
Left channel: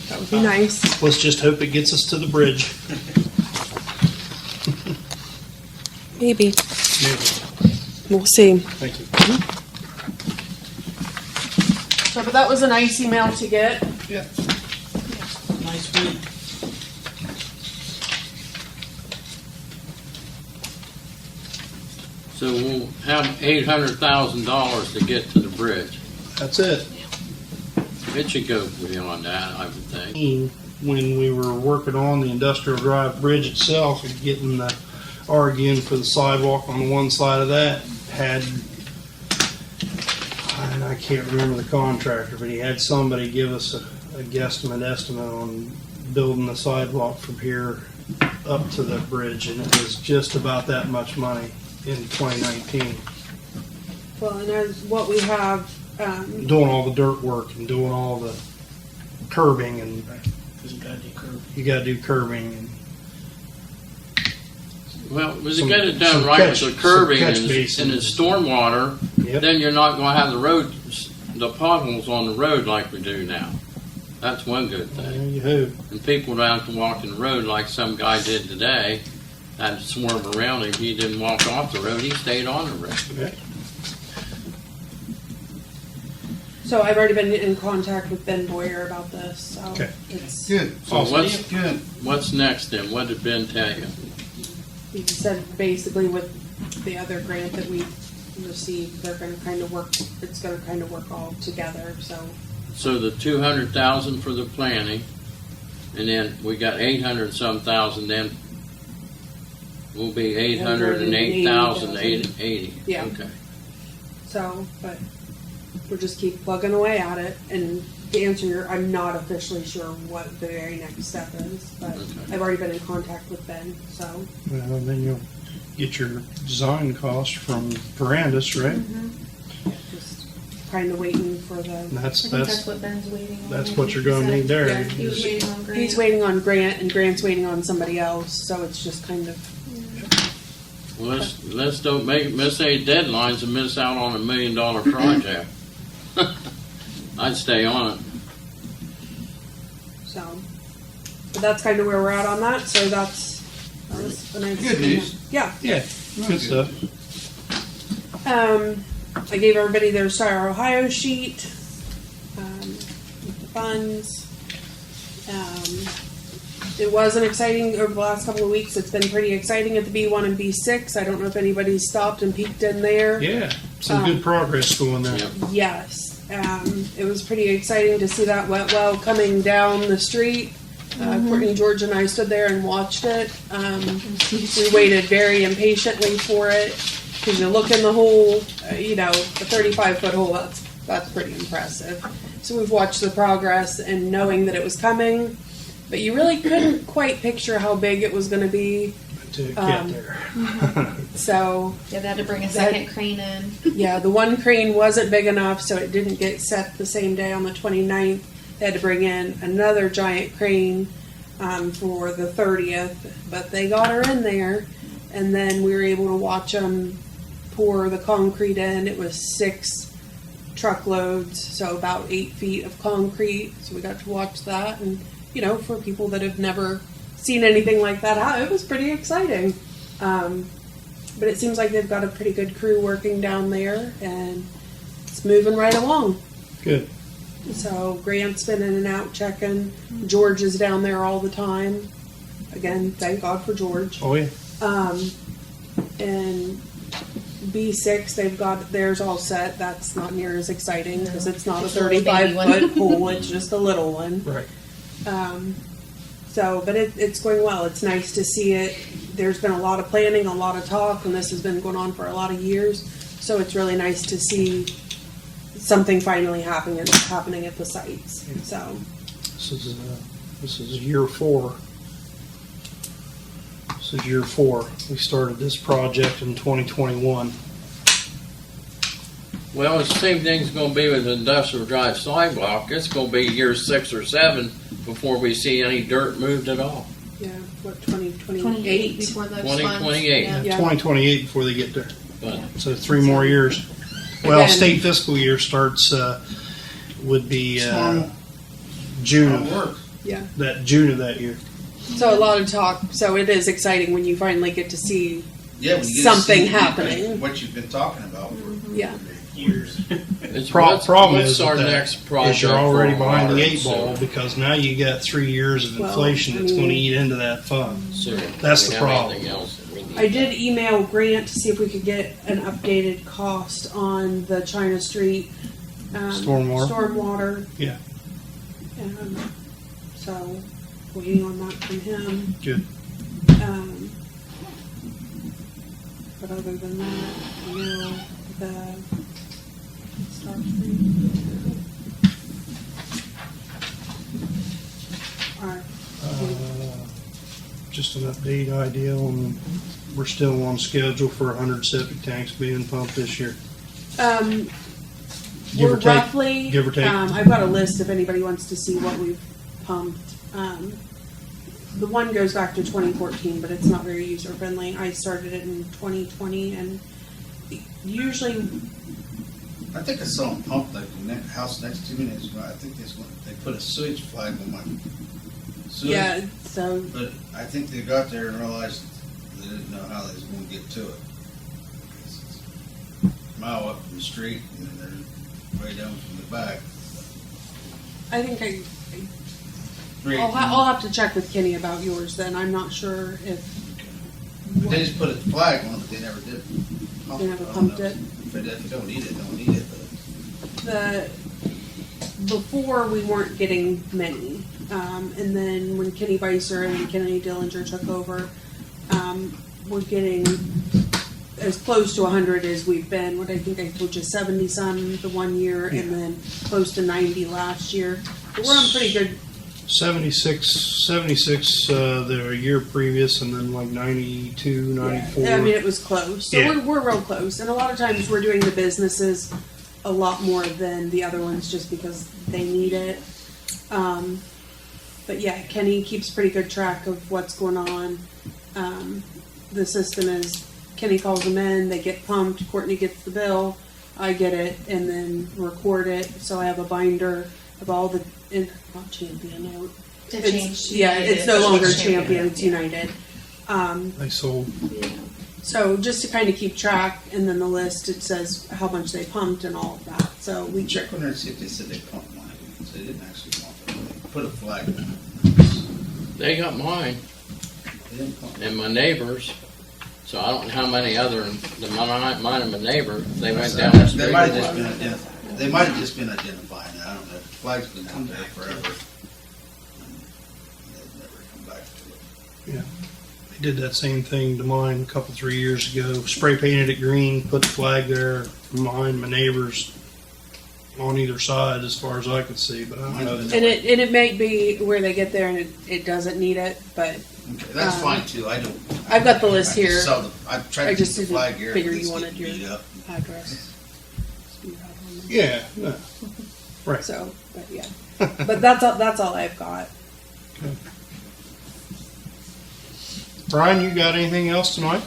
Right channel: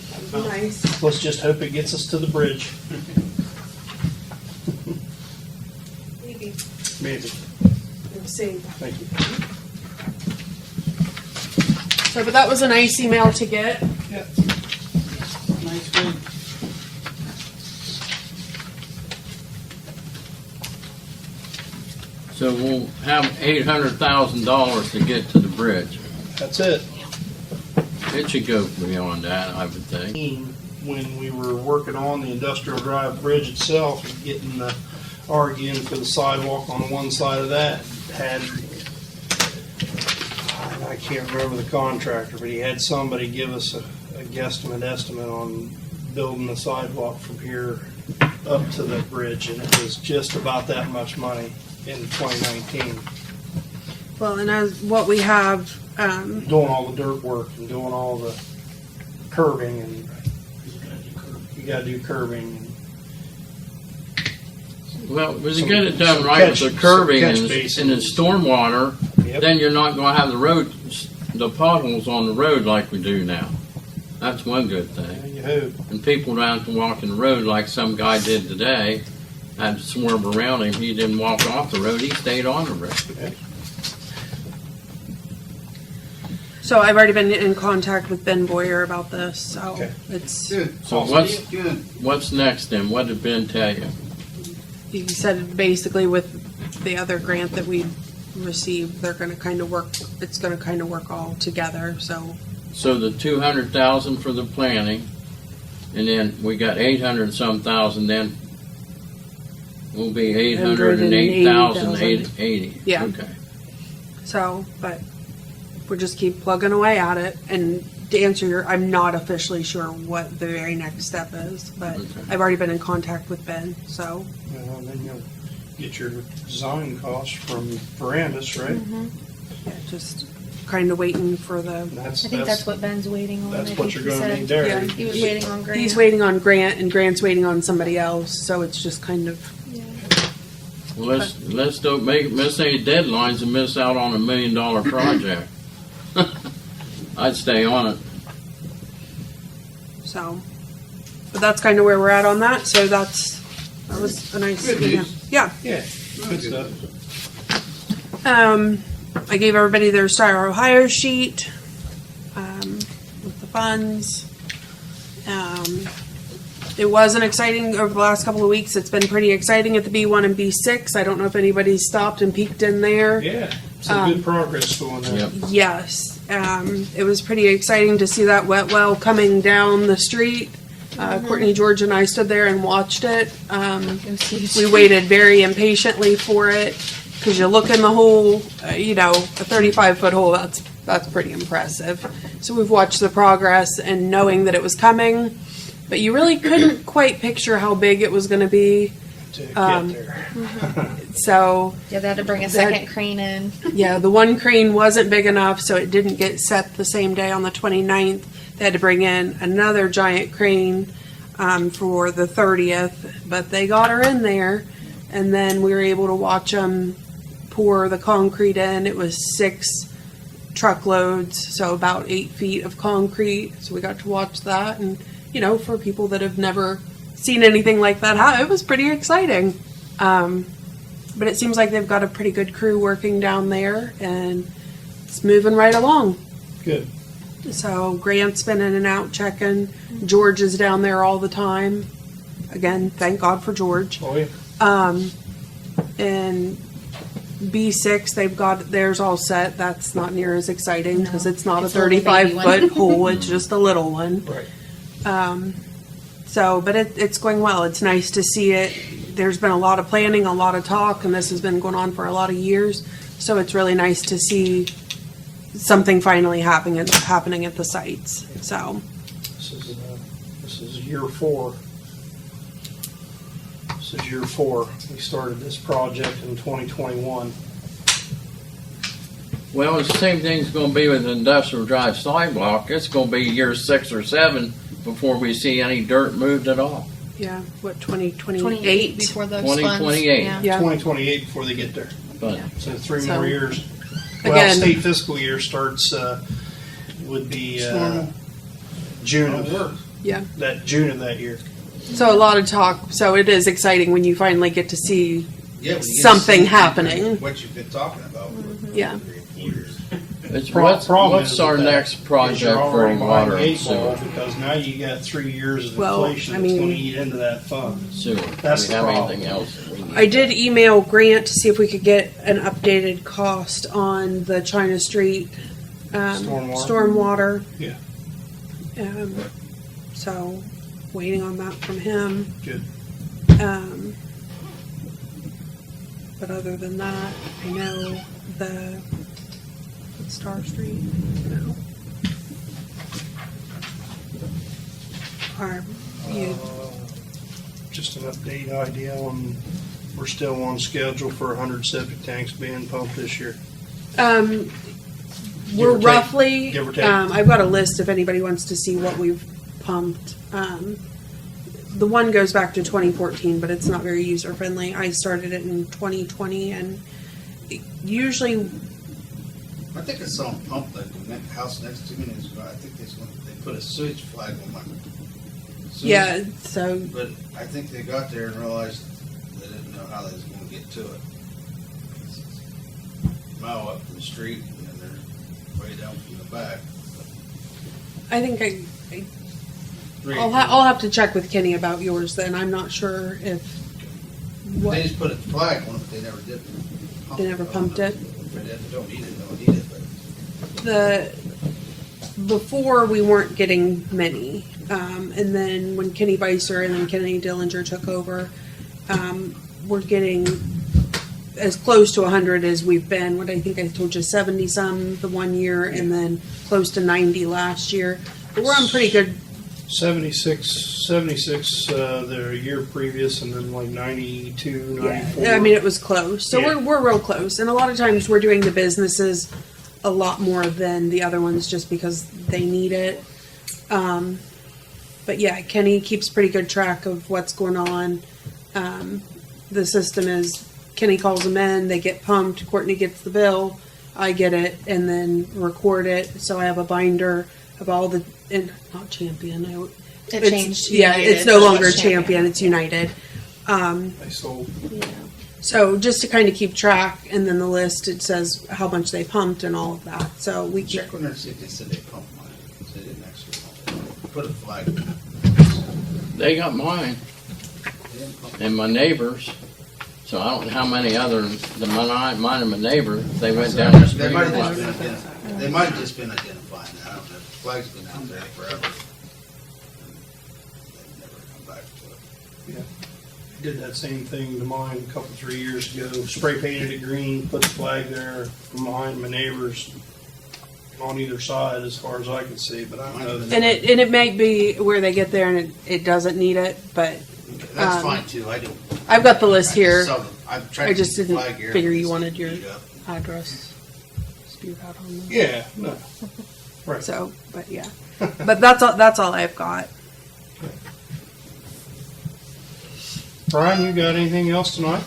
That would be nice. Let's just hope it gets us to the bridge. Maybe. Maybe. We'll see. Thank you. So, but that was a nice email to get. Yeah. Nice one. So we'll have $800,000 to get to the bridge. That's it. It should go beyond that, I would think. When we were working on the Industrial Drive Bridge itself and getting the RG in for the sidewalk on one side of that, had, I can't remember the contractor, but he had somebody give us a guesstimate estimate on building the sidewalk from here up to the bridge, and it was just about that much money in 2019. Well, and as what we have, Doing all the dirt work and doing all the curbing, and you gotta do curbing. Well, if you Some- get it done some right catch- with the curbing some catch and the basins. stormwater, Yep. then you're not gonna have the road, the potholes on the road like we do now. That's one good There thing. you have. And people don't have to walk in the road like some guy did today. Had to swerve around him. He didn't walk off the road. He stayed on the road. so I've already been in contact with Ben Boyer about this, so Okay. it's, Good. So what's, Good. what's next then? What did Ben tell you? he said basically with the other grant that we received, they're gonna kind of work, it's gonna kind of work all together, so. So the 200,000 for the planning, and then we got 800 and some thousand, then will be 808,080. Yeah. Okay. So, but we'll just keep plugging away at it. And to answer your, I'm not officially sure what the very next step is, but Okay. I've already been in contact with Ben, so. Well, and then you'll get your design cost from Verandis, right? Just kind of waiting for the, And That's, I think that's that's, what Ben's waiting on. that's I what think you're he gonna said. need there. Yeah, He was waiting on Grant. he's waiting on Grant and Grant's waiting on somebody else, so it's just kind of, Well, let's don't miss any deadlines and miss out on $1 million project. I'd stay on it. so. But that's kind of where we're at on that, so that was a nice. Good news. Yeah. yeah, good stuff. I gave everybody their Star Ohio sheet, with the funds. It wasn't exciting over the last couple of weeks. It's been pretty exciting at the B1 and B6. I don't know if anybody's stopped and peeked in there. Yeah, some good progress going there. Yep. Yes, it was pretty exciting to see that wet well coming down the street. Courtney, George, and I stood there and watched it. We waited very impatiently for it because you look in the hole, a 35-foot hole. That's pretty impressive. So we've watched the progress and knowing that it was coming, but you really couldn't quite picture how big it was going to be. To get there. So Yeah, they had to bring a second crane in. yeah, the one crane wasn't big enough, so it didn't get set the same day on the 29th. They had to bring in another giant crane for the 30th, but they got her in there, and then we were able to watch them pour the concrete in. It was 6 truckloads, so about 8 feet of concrete. So we got to watch that, and for people that have never seen anything like that, it was pretty exciting. But it seems like they've got a pretty good crew working down there, and it's moving right along. Good. So Grant's been in and out checking. George is down there all the time. Again, thank God for George. Oh, yeah. And B6, they've got theirs all set. That's not near as exciting because No, it's not a it's a little baby 35-foot hole. It's just a little one. Right. But it's going well. It's nice to see it. There's been a lot of planning, a lot of talk, and this has been going on for a lot of years. So it's really nice to see something finally happening at the sites. So, This is year 4. This is year 4. We started this project in 2021. Well, the same thing's gonna be with the Industrial Drive sidewalk. It's gonna be year 6 or 7 before we see any dirt moved at all. yeah, what, 2028? 28 before those 2028. funds. Yeah. 2028 before they get there. But So 3 more years. Well, Again- state fiscal year starts, would be June of Yeah. June of that year. So a lot of talk. So it is exciting when you finally get to see. Yeah, when you get to Something see happening. What you've been talking about for Yeah. years. It's, Problem what's is our with that next is project you're for already behind water the and eight ball sewer? because now you got 3 years of Well, inflation I that's mean- gonna eat into that fund. Sewer. That's Do we the have problem. anything else that we need? I did email Grant to see if we could get an updated cost on the China Street Stormwater? stormwater. Yeah. So, waiting on that from him. Good. But other than that, I know the Star Street. No. Our, yeah. Just an update idea on, we're still on schedule for 100 septic tanks being pumped this year. We're or take- roughly, give or take. I've got a list if anybody wants to see what we've pumped. The one goes back to 2014, but it's not very user friendly. I started it in 2020 and usually, I think I saw them pump like the house next to me, I think they put a sewage flag on my sewage. yeah, so, But I think they got there and realized they didn't know how they was gonna get to it. It's a mile up from the street and then they're way down from the back. I think I'll have to check with Kenny about yours then. I'm not sure if, They just put a flag on it, but they never did. They never I don't pumped know. it? If you don't need it, don't need it, but. before we weren't getting many. And then when Kenny Beiser and then Kenny Dillinger took over, we're getting as close to 100 as we've been. What I think I told you, 70 some the one year and then close to 90 last year. But we're on pretty good. 76 the year previous, and then like 92, 94. Yeah, I mean, it was close. So Yeah. we're real close. And a lot of times we're doing the businesses a lot more than the other ones just because they need it. But yeah, Kenny keeps pretty good track of what's going on. The system is Kenny calls them in, they get pumped, Courtney gets the bill, I get it, and then record it. So I have a binder of all the, and not Champion. It It's- changed. Yeah, United. it's no longer It's Champion, it's United. They sold. Yeah. So just to kind of keep track, and then the list, it says how much they pumped and all of that. So we Check on there and see if they said they pumped mine, because they didn't actually pump it. Put a flag. They got mine They didn't pump it. and my neighbors, so I don't know how many other than mine and my neighbor. They went down the street. They might have just been they might have just been identifying it, I don't know. The flag's been out there forever. And they've never come back to it. They did that same thing to mine a couple, 3 years ago. Spray painted it green, put the flag there from behind my neighbors on either side as far as I could see, but I don't know. and it may be where they get there and it doesn't need it, but Okay, that's fine too, I don't. I've got the list I here. just saw the- I've tried I to just keep the didn't flag here. figure but you it's wanted getting your beat up. address spewed out on them. Yeah, no. Right. So, but yeah, but that's all I've got. Brian, you got anything else tonight?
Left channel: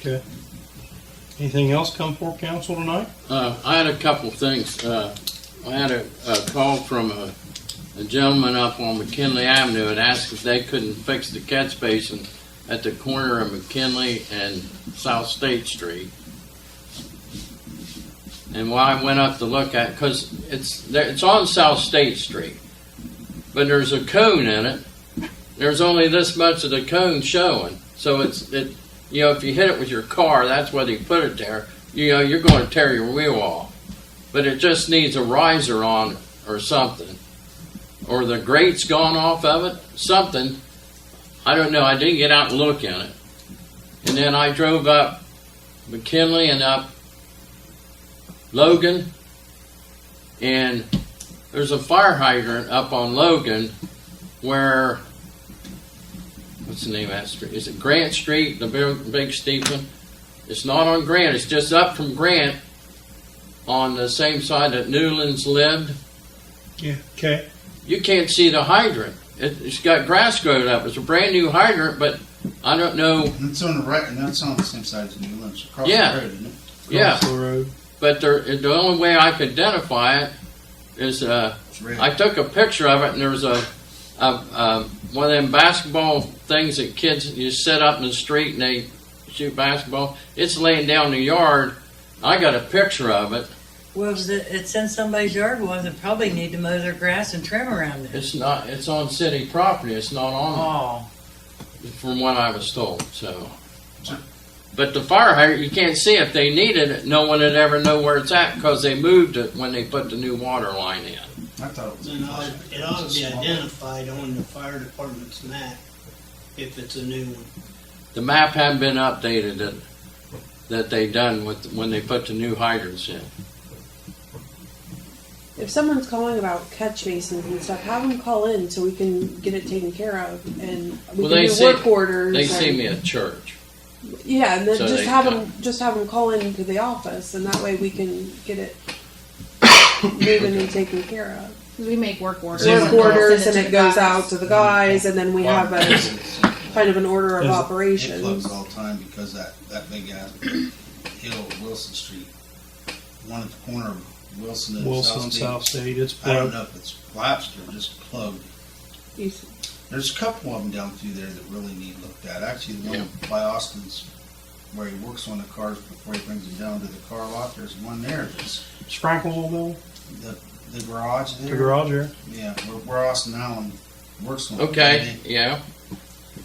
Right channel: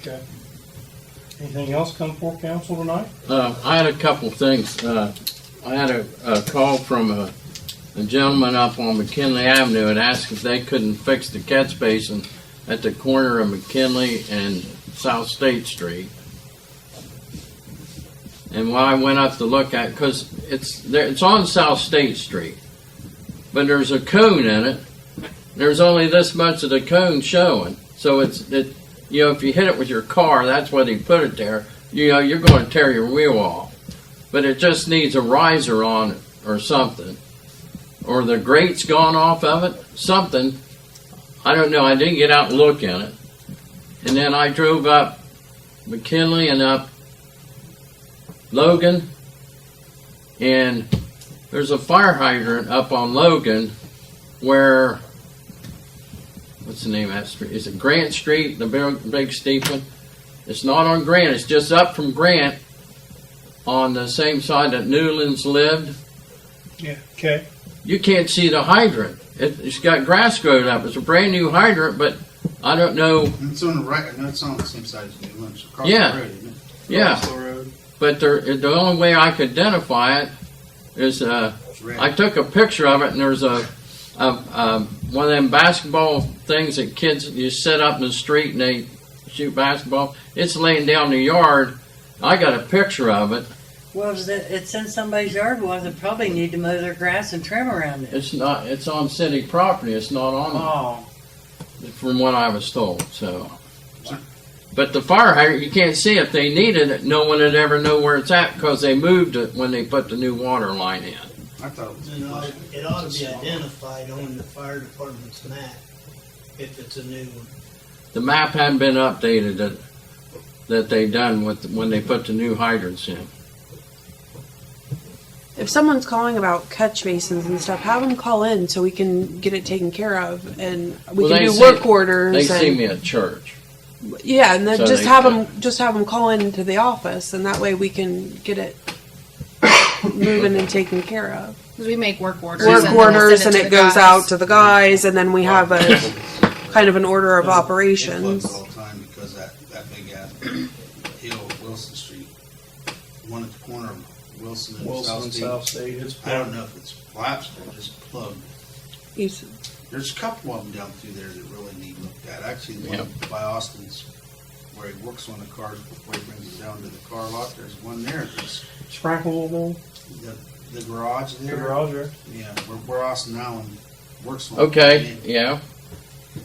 Okay. Anything else come for council tonight? I had a couple things. I had a call from a gentleman up on McKinley Avenue and asked if they couldn't fix the catch basin at the corner of McKinley and South State Street. And when I went up to look at, because it's on South State Street, but there's a cone in it. There's only this much of the cone showing, so if you hit it with your car, that's why they put it there. You're going to tear your wheel off, but it just needs a riser on it or something, or the grate's gone off of it, something. I don't know. I didn't get out and look in it, and then I drove up McKinley and up Logan, and there's a fire hydrant up on Logan where, what's the name of that street? Is it Grant Street, the big steeple? It's not on Grant, it's just up from Grant on the same side that Newlands lived. Yeah. Okay. You can't see the hydrant. It's got grass growing up. It's a brand new hydrant, but I don't know. It's on the right, and that's on the same side as Newlands, across Yeah. the road, isn't it? Yeah, Crossville Road. but the only way I could identify it is It's red. I took a picture of it, and there's a one of them basketball things that kids you set up in the street and they shoot basketball. It's laying down in the yard I got a picture of it. Well, it's in somebody's yard, well, they probably need to mow their grass and trim around it. It's not, it's on city property, it's not on, Oh, from what I was told, so. But the fire hydrant, you can't see if they needed it, no one would ever know where it's at, because they moved it when they put the new water line in. I thought it was. Then it ought to be identified on the fire department's map if it's a new one. The map hadn't been updated that they done with, when they put the new hydrants in. If someone's calling about catch basins and stuff, have them call in so we can get it taken care of, and we Well, can they do see- work orders. They and, see me at church. Yeah, and then So just they have come. them call into the office, and that way we can get it moving and taken care of. 'Cause we make work orders. Work and then we'll orders, send and to it the goes guys. out to the guys, and then we have a kind of an order of Does it- It operations. floods all the time because that big ass hill, Wilson Street, one at the corner of Wilson and Wilson South and State. South State, it's I don't plugged. know if it's collapsed or just plugged. He's- There's a couple of them down through there that really need looked at. Actually, the one Yeah. by Austin's, where he works on the cars before he brings them down to the car lot, there's one there that's Sprankle, the garage the there. garage there. Yeah, where Austin Allen works on. Okay, yeah.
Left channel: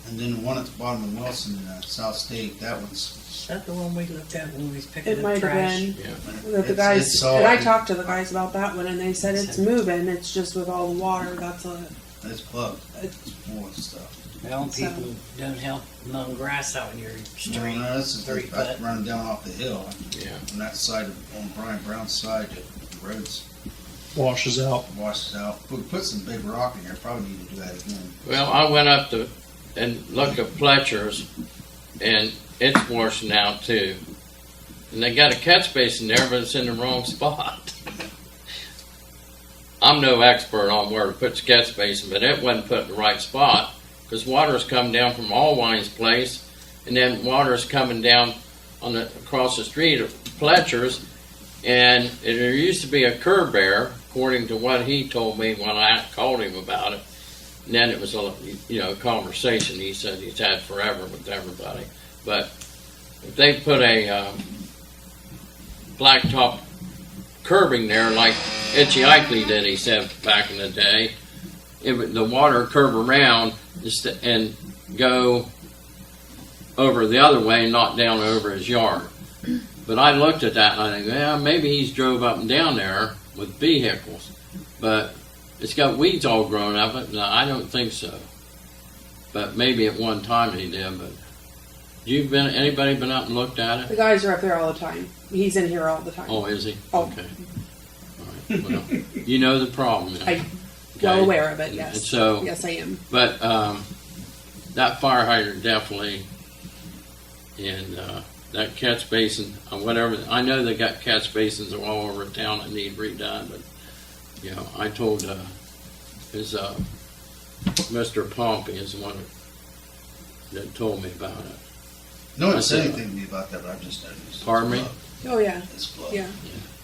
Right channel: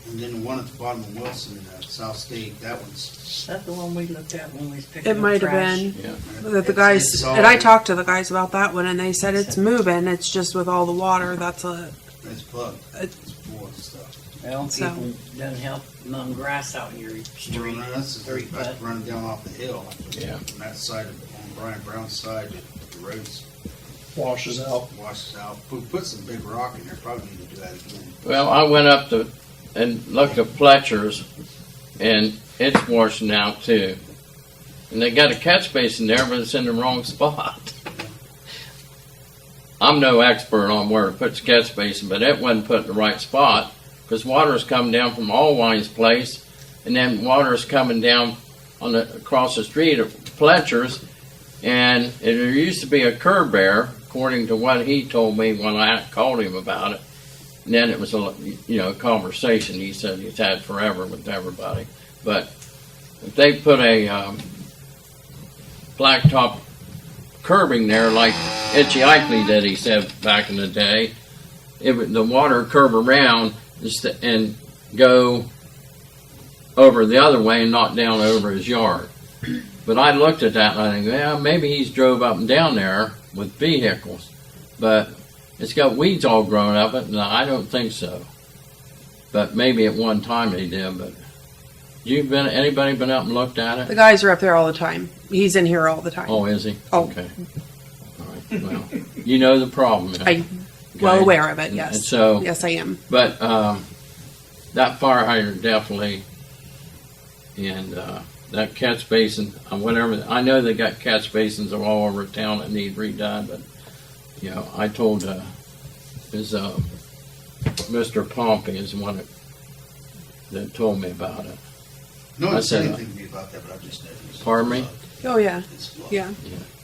And then the one at the bottom of Wilson, South State, that one's. is that the one we looked at when we was picking It up might trash? have been. Yeah. That the It's guys, all- and I talked to the guys about that one, and they said it's moving. It's just with all the water. That's a. It's plugged. It's- It's full of stuff. Well, So- people doesn't help mow grass out in your No, street. no, this is, 3 that's foot. running down off the hill. Yeah. On that side, on Brian Brown's side, the road's Washes out. washed out. Put some big rock in there, probably need to do that again. Well, I went up to, and looked at Fletcher's, and it's washing out too. And they got a catch basin there, but it's in the wrong spot. I'm no expert on where to put the catch basin, but it wasn't put in the right spot, because water's coming down from Allwine's place, and then water's coming down on the, across the street at Fletcher's, and there used to be a curb there, according to what he told me when I called him about it. And then it was a conversation he said he's had forever with everybody. But if they put a blacktop curbing there like Itchy Ikely did, he said back in the day, it would, the water curve around and go over the other way and not down over his yard. But I looked at that and I think, well, maybe he's drove up and down there with vehicles. But it's got weeds all growing up it, and I don't think so. But maybe at one time they did. But anybody been up and looked at The it? guys are up there all the time. He's in here all the time. Oh, is he? Oh. Okay. All right. Well, you know the problem. then. I'm well Okay. aware of it. And Yes. so, Yes, I am. but that fire hydrant definitely, and that catch basin, whatever. I know they got catch basins all over town that need redone, but you know, I told Mr. Pompey is the one that told me about it. No one I said said- anything to me about that, but I've just noticed. it's Pardon me? plugged. Oh yeah. It's plugged. Yeah.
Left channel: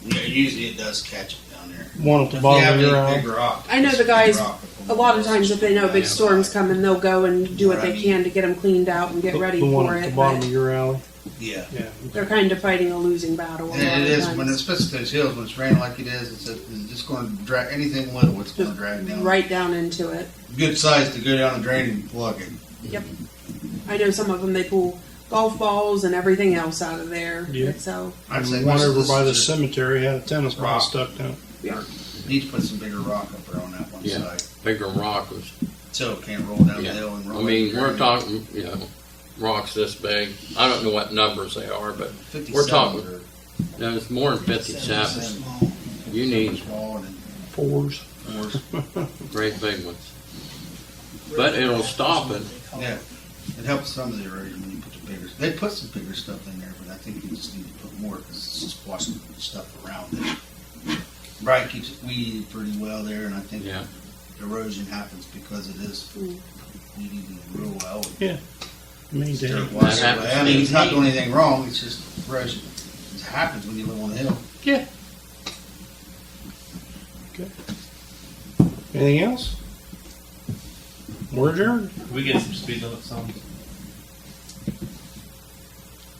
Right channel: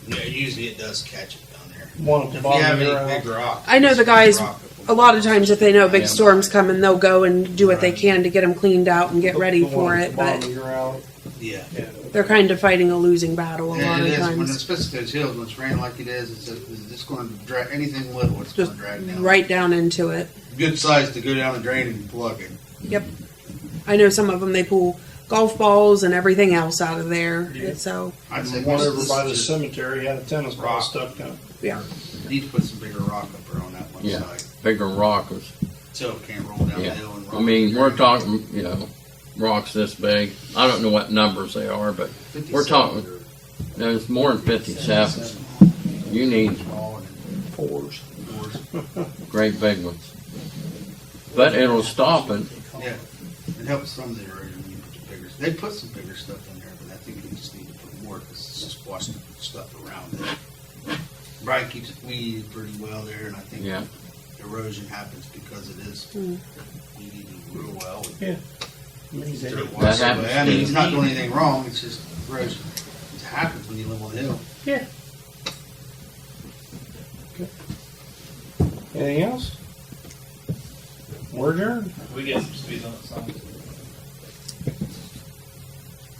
Yeah, usually it does catch it down there. One at the If you bottom have of your any alley. big rock. I know the just guys- rock up A lot of times, if they know big Yeah. storms coming, they'll go and do what they can to get them cleaned out and get ready The one for at it. the bottom But of your alley. Yeah. Yeah. they're kind of fighting a losing battle a lot It of is, when times. it's especially those hills, when it's raining like it is, it's just gonna drag, anything little, it's gonna Just drag down. right down into it. Good size to go down the drain and plug it. Yep. I know some of them, they pull golf balls and everything else out of there. Yeah. So, I'd say One most of over this by is the just- cemetery had a tennis ball Rock. stuck in it. yeah. Need to put some bigger rock up there on that one Yeah. side, Bigger rock was. so it can't roll down the Yeah. hill and roll. I mean, up we're the talking, rocks this big. I don't know what numbers they are, but 57 we're talking- or there's more than 57. 57. You need Small and Fours. fours. great big ones. But it'll stop it. Yeah, it helps some of the erosion when you put the bigger, they put some bigger stuff in there, but I think you just need to put more, because it's just washing stuff around it. Brian keeps it weeded pretty well there, and I think Yeah. erosion happens because it is weeded real well. Yeah. Many days. Dirt washes That away. happens. I mean, he's not doing anything wrong, it's just erosion. It happens when you live on the hill. Yeah. Okay. Anything else? We're adjourned. We get some speed limit signs.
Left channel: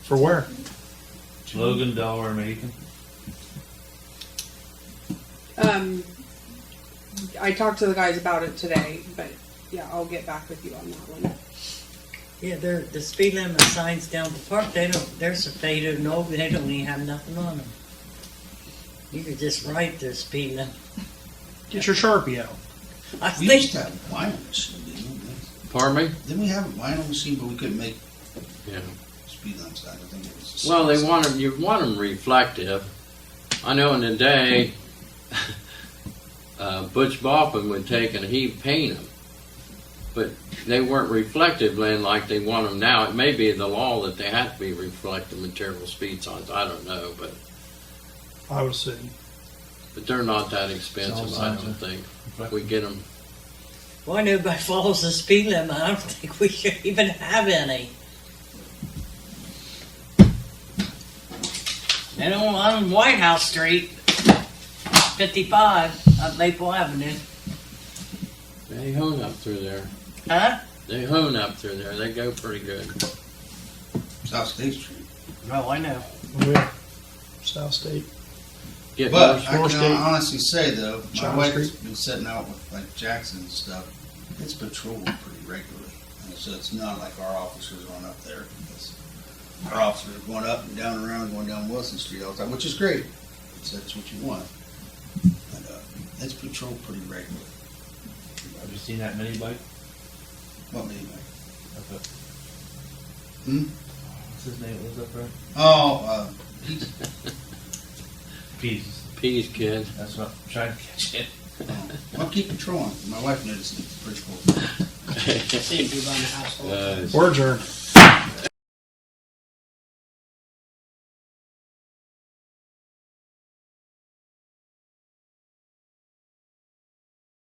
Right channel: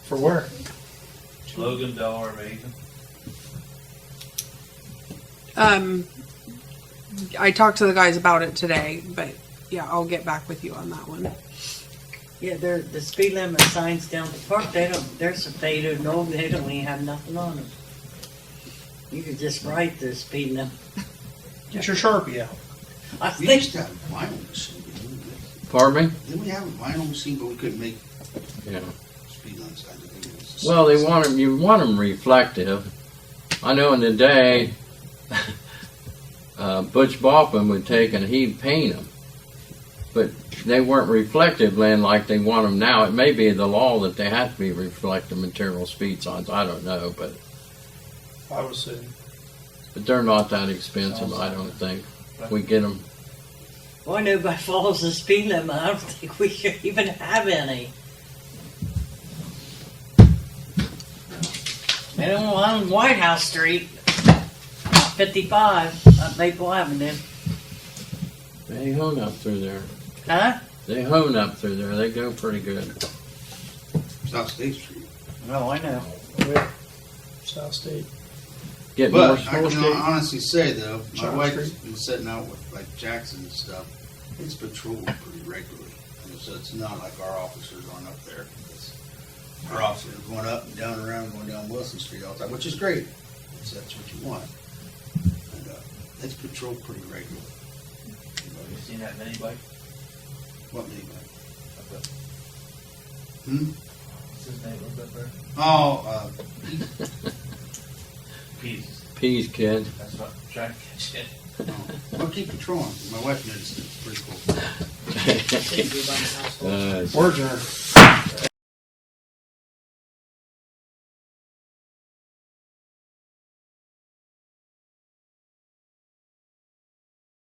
For where? Logan, Delaware, Macon. I talked to the guys about it today, but yeah, I'll get back with you on that one. Yeah, the speed limit signs down the park, there's a faded and old, they don't even have nothing on them. You could just write the speed limit. Get your Sharpie out. I We think, used to have a vinyl machine, didn't we? Pardon me? Didn't we have a vinyl machine, but we couldn't make Yeah. speed limit signs? I think it was. the Well, they same. want them. You want them reflective. I know in the day, Butch Boffin would take and he'd paint them, but they weren't reflective then like they want them now. It may be the law that they have to be reflective material speed signs. I don't know, but I would say. they're not that expensive. Sounds I like don't it. think. If we get them. boy, nobody follows the speed limit, I don't think we should even have any. And on White House Street, 55 up Maple Avenue. They hone up through there. Huh? They hone up through there. They go pretty good. South State Street. No, I know. Oh, yeah. South State. Get But more I can Street. honestly say though, my John wife's Street. been setting out with like Jackson and stuff. It's patrolled pretty regularly. I mean, so it's not like our officers going up there. It's, our officers are going up and down around, going down Wilson Street all the time, which is great. So that's what you want. And it's patrolled pretty regularly. Have you seen that mini bike? What minivan? Up at, Hmm? what's his name? Was up there? Oh, Peace. peas, kid. That's what I'm trying to catch it. I'll keep patrolling. My wife noticed it. It's pretty cool. Uh, We're adjourned.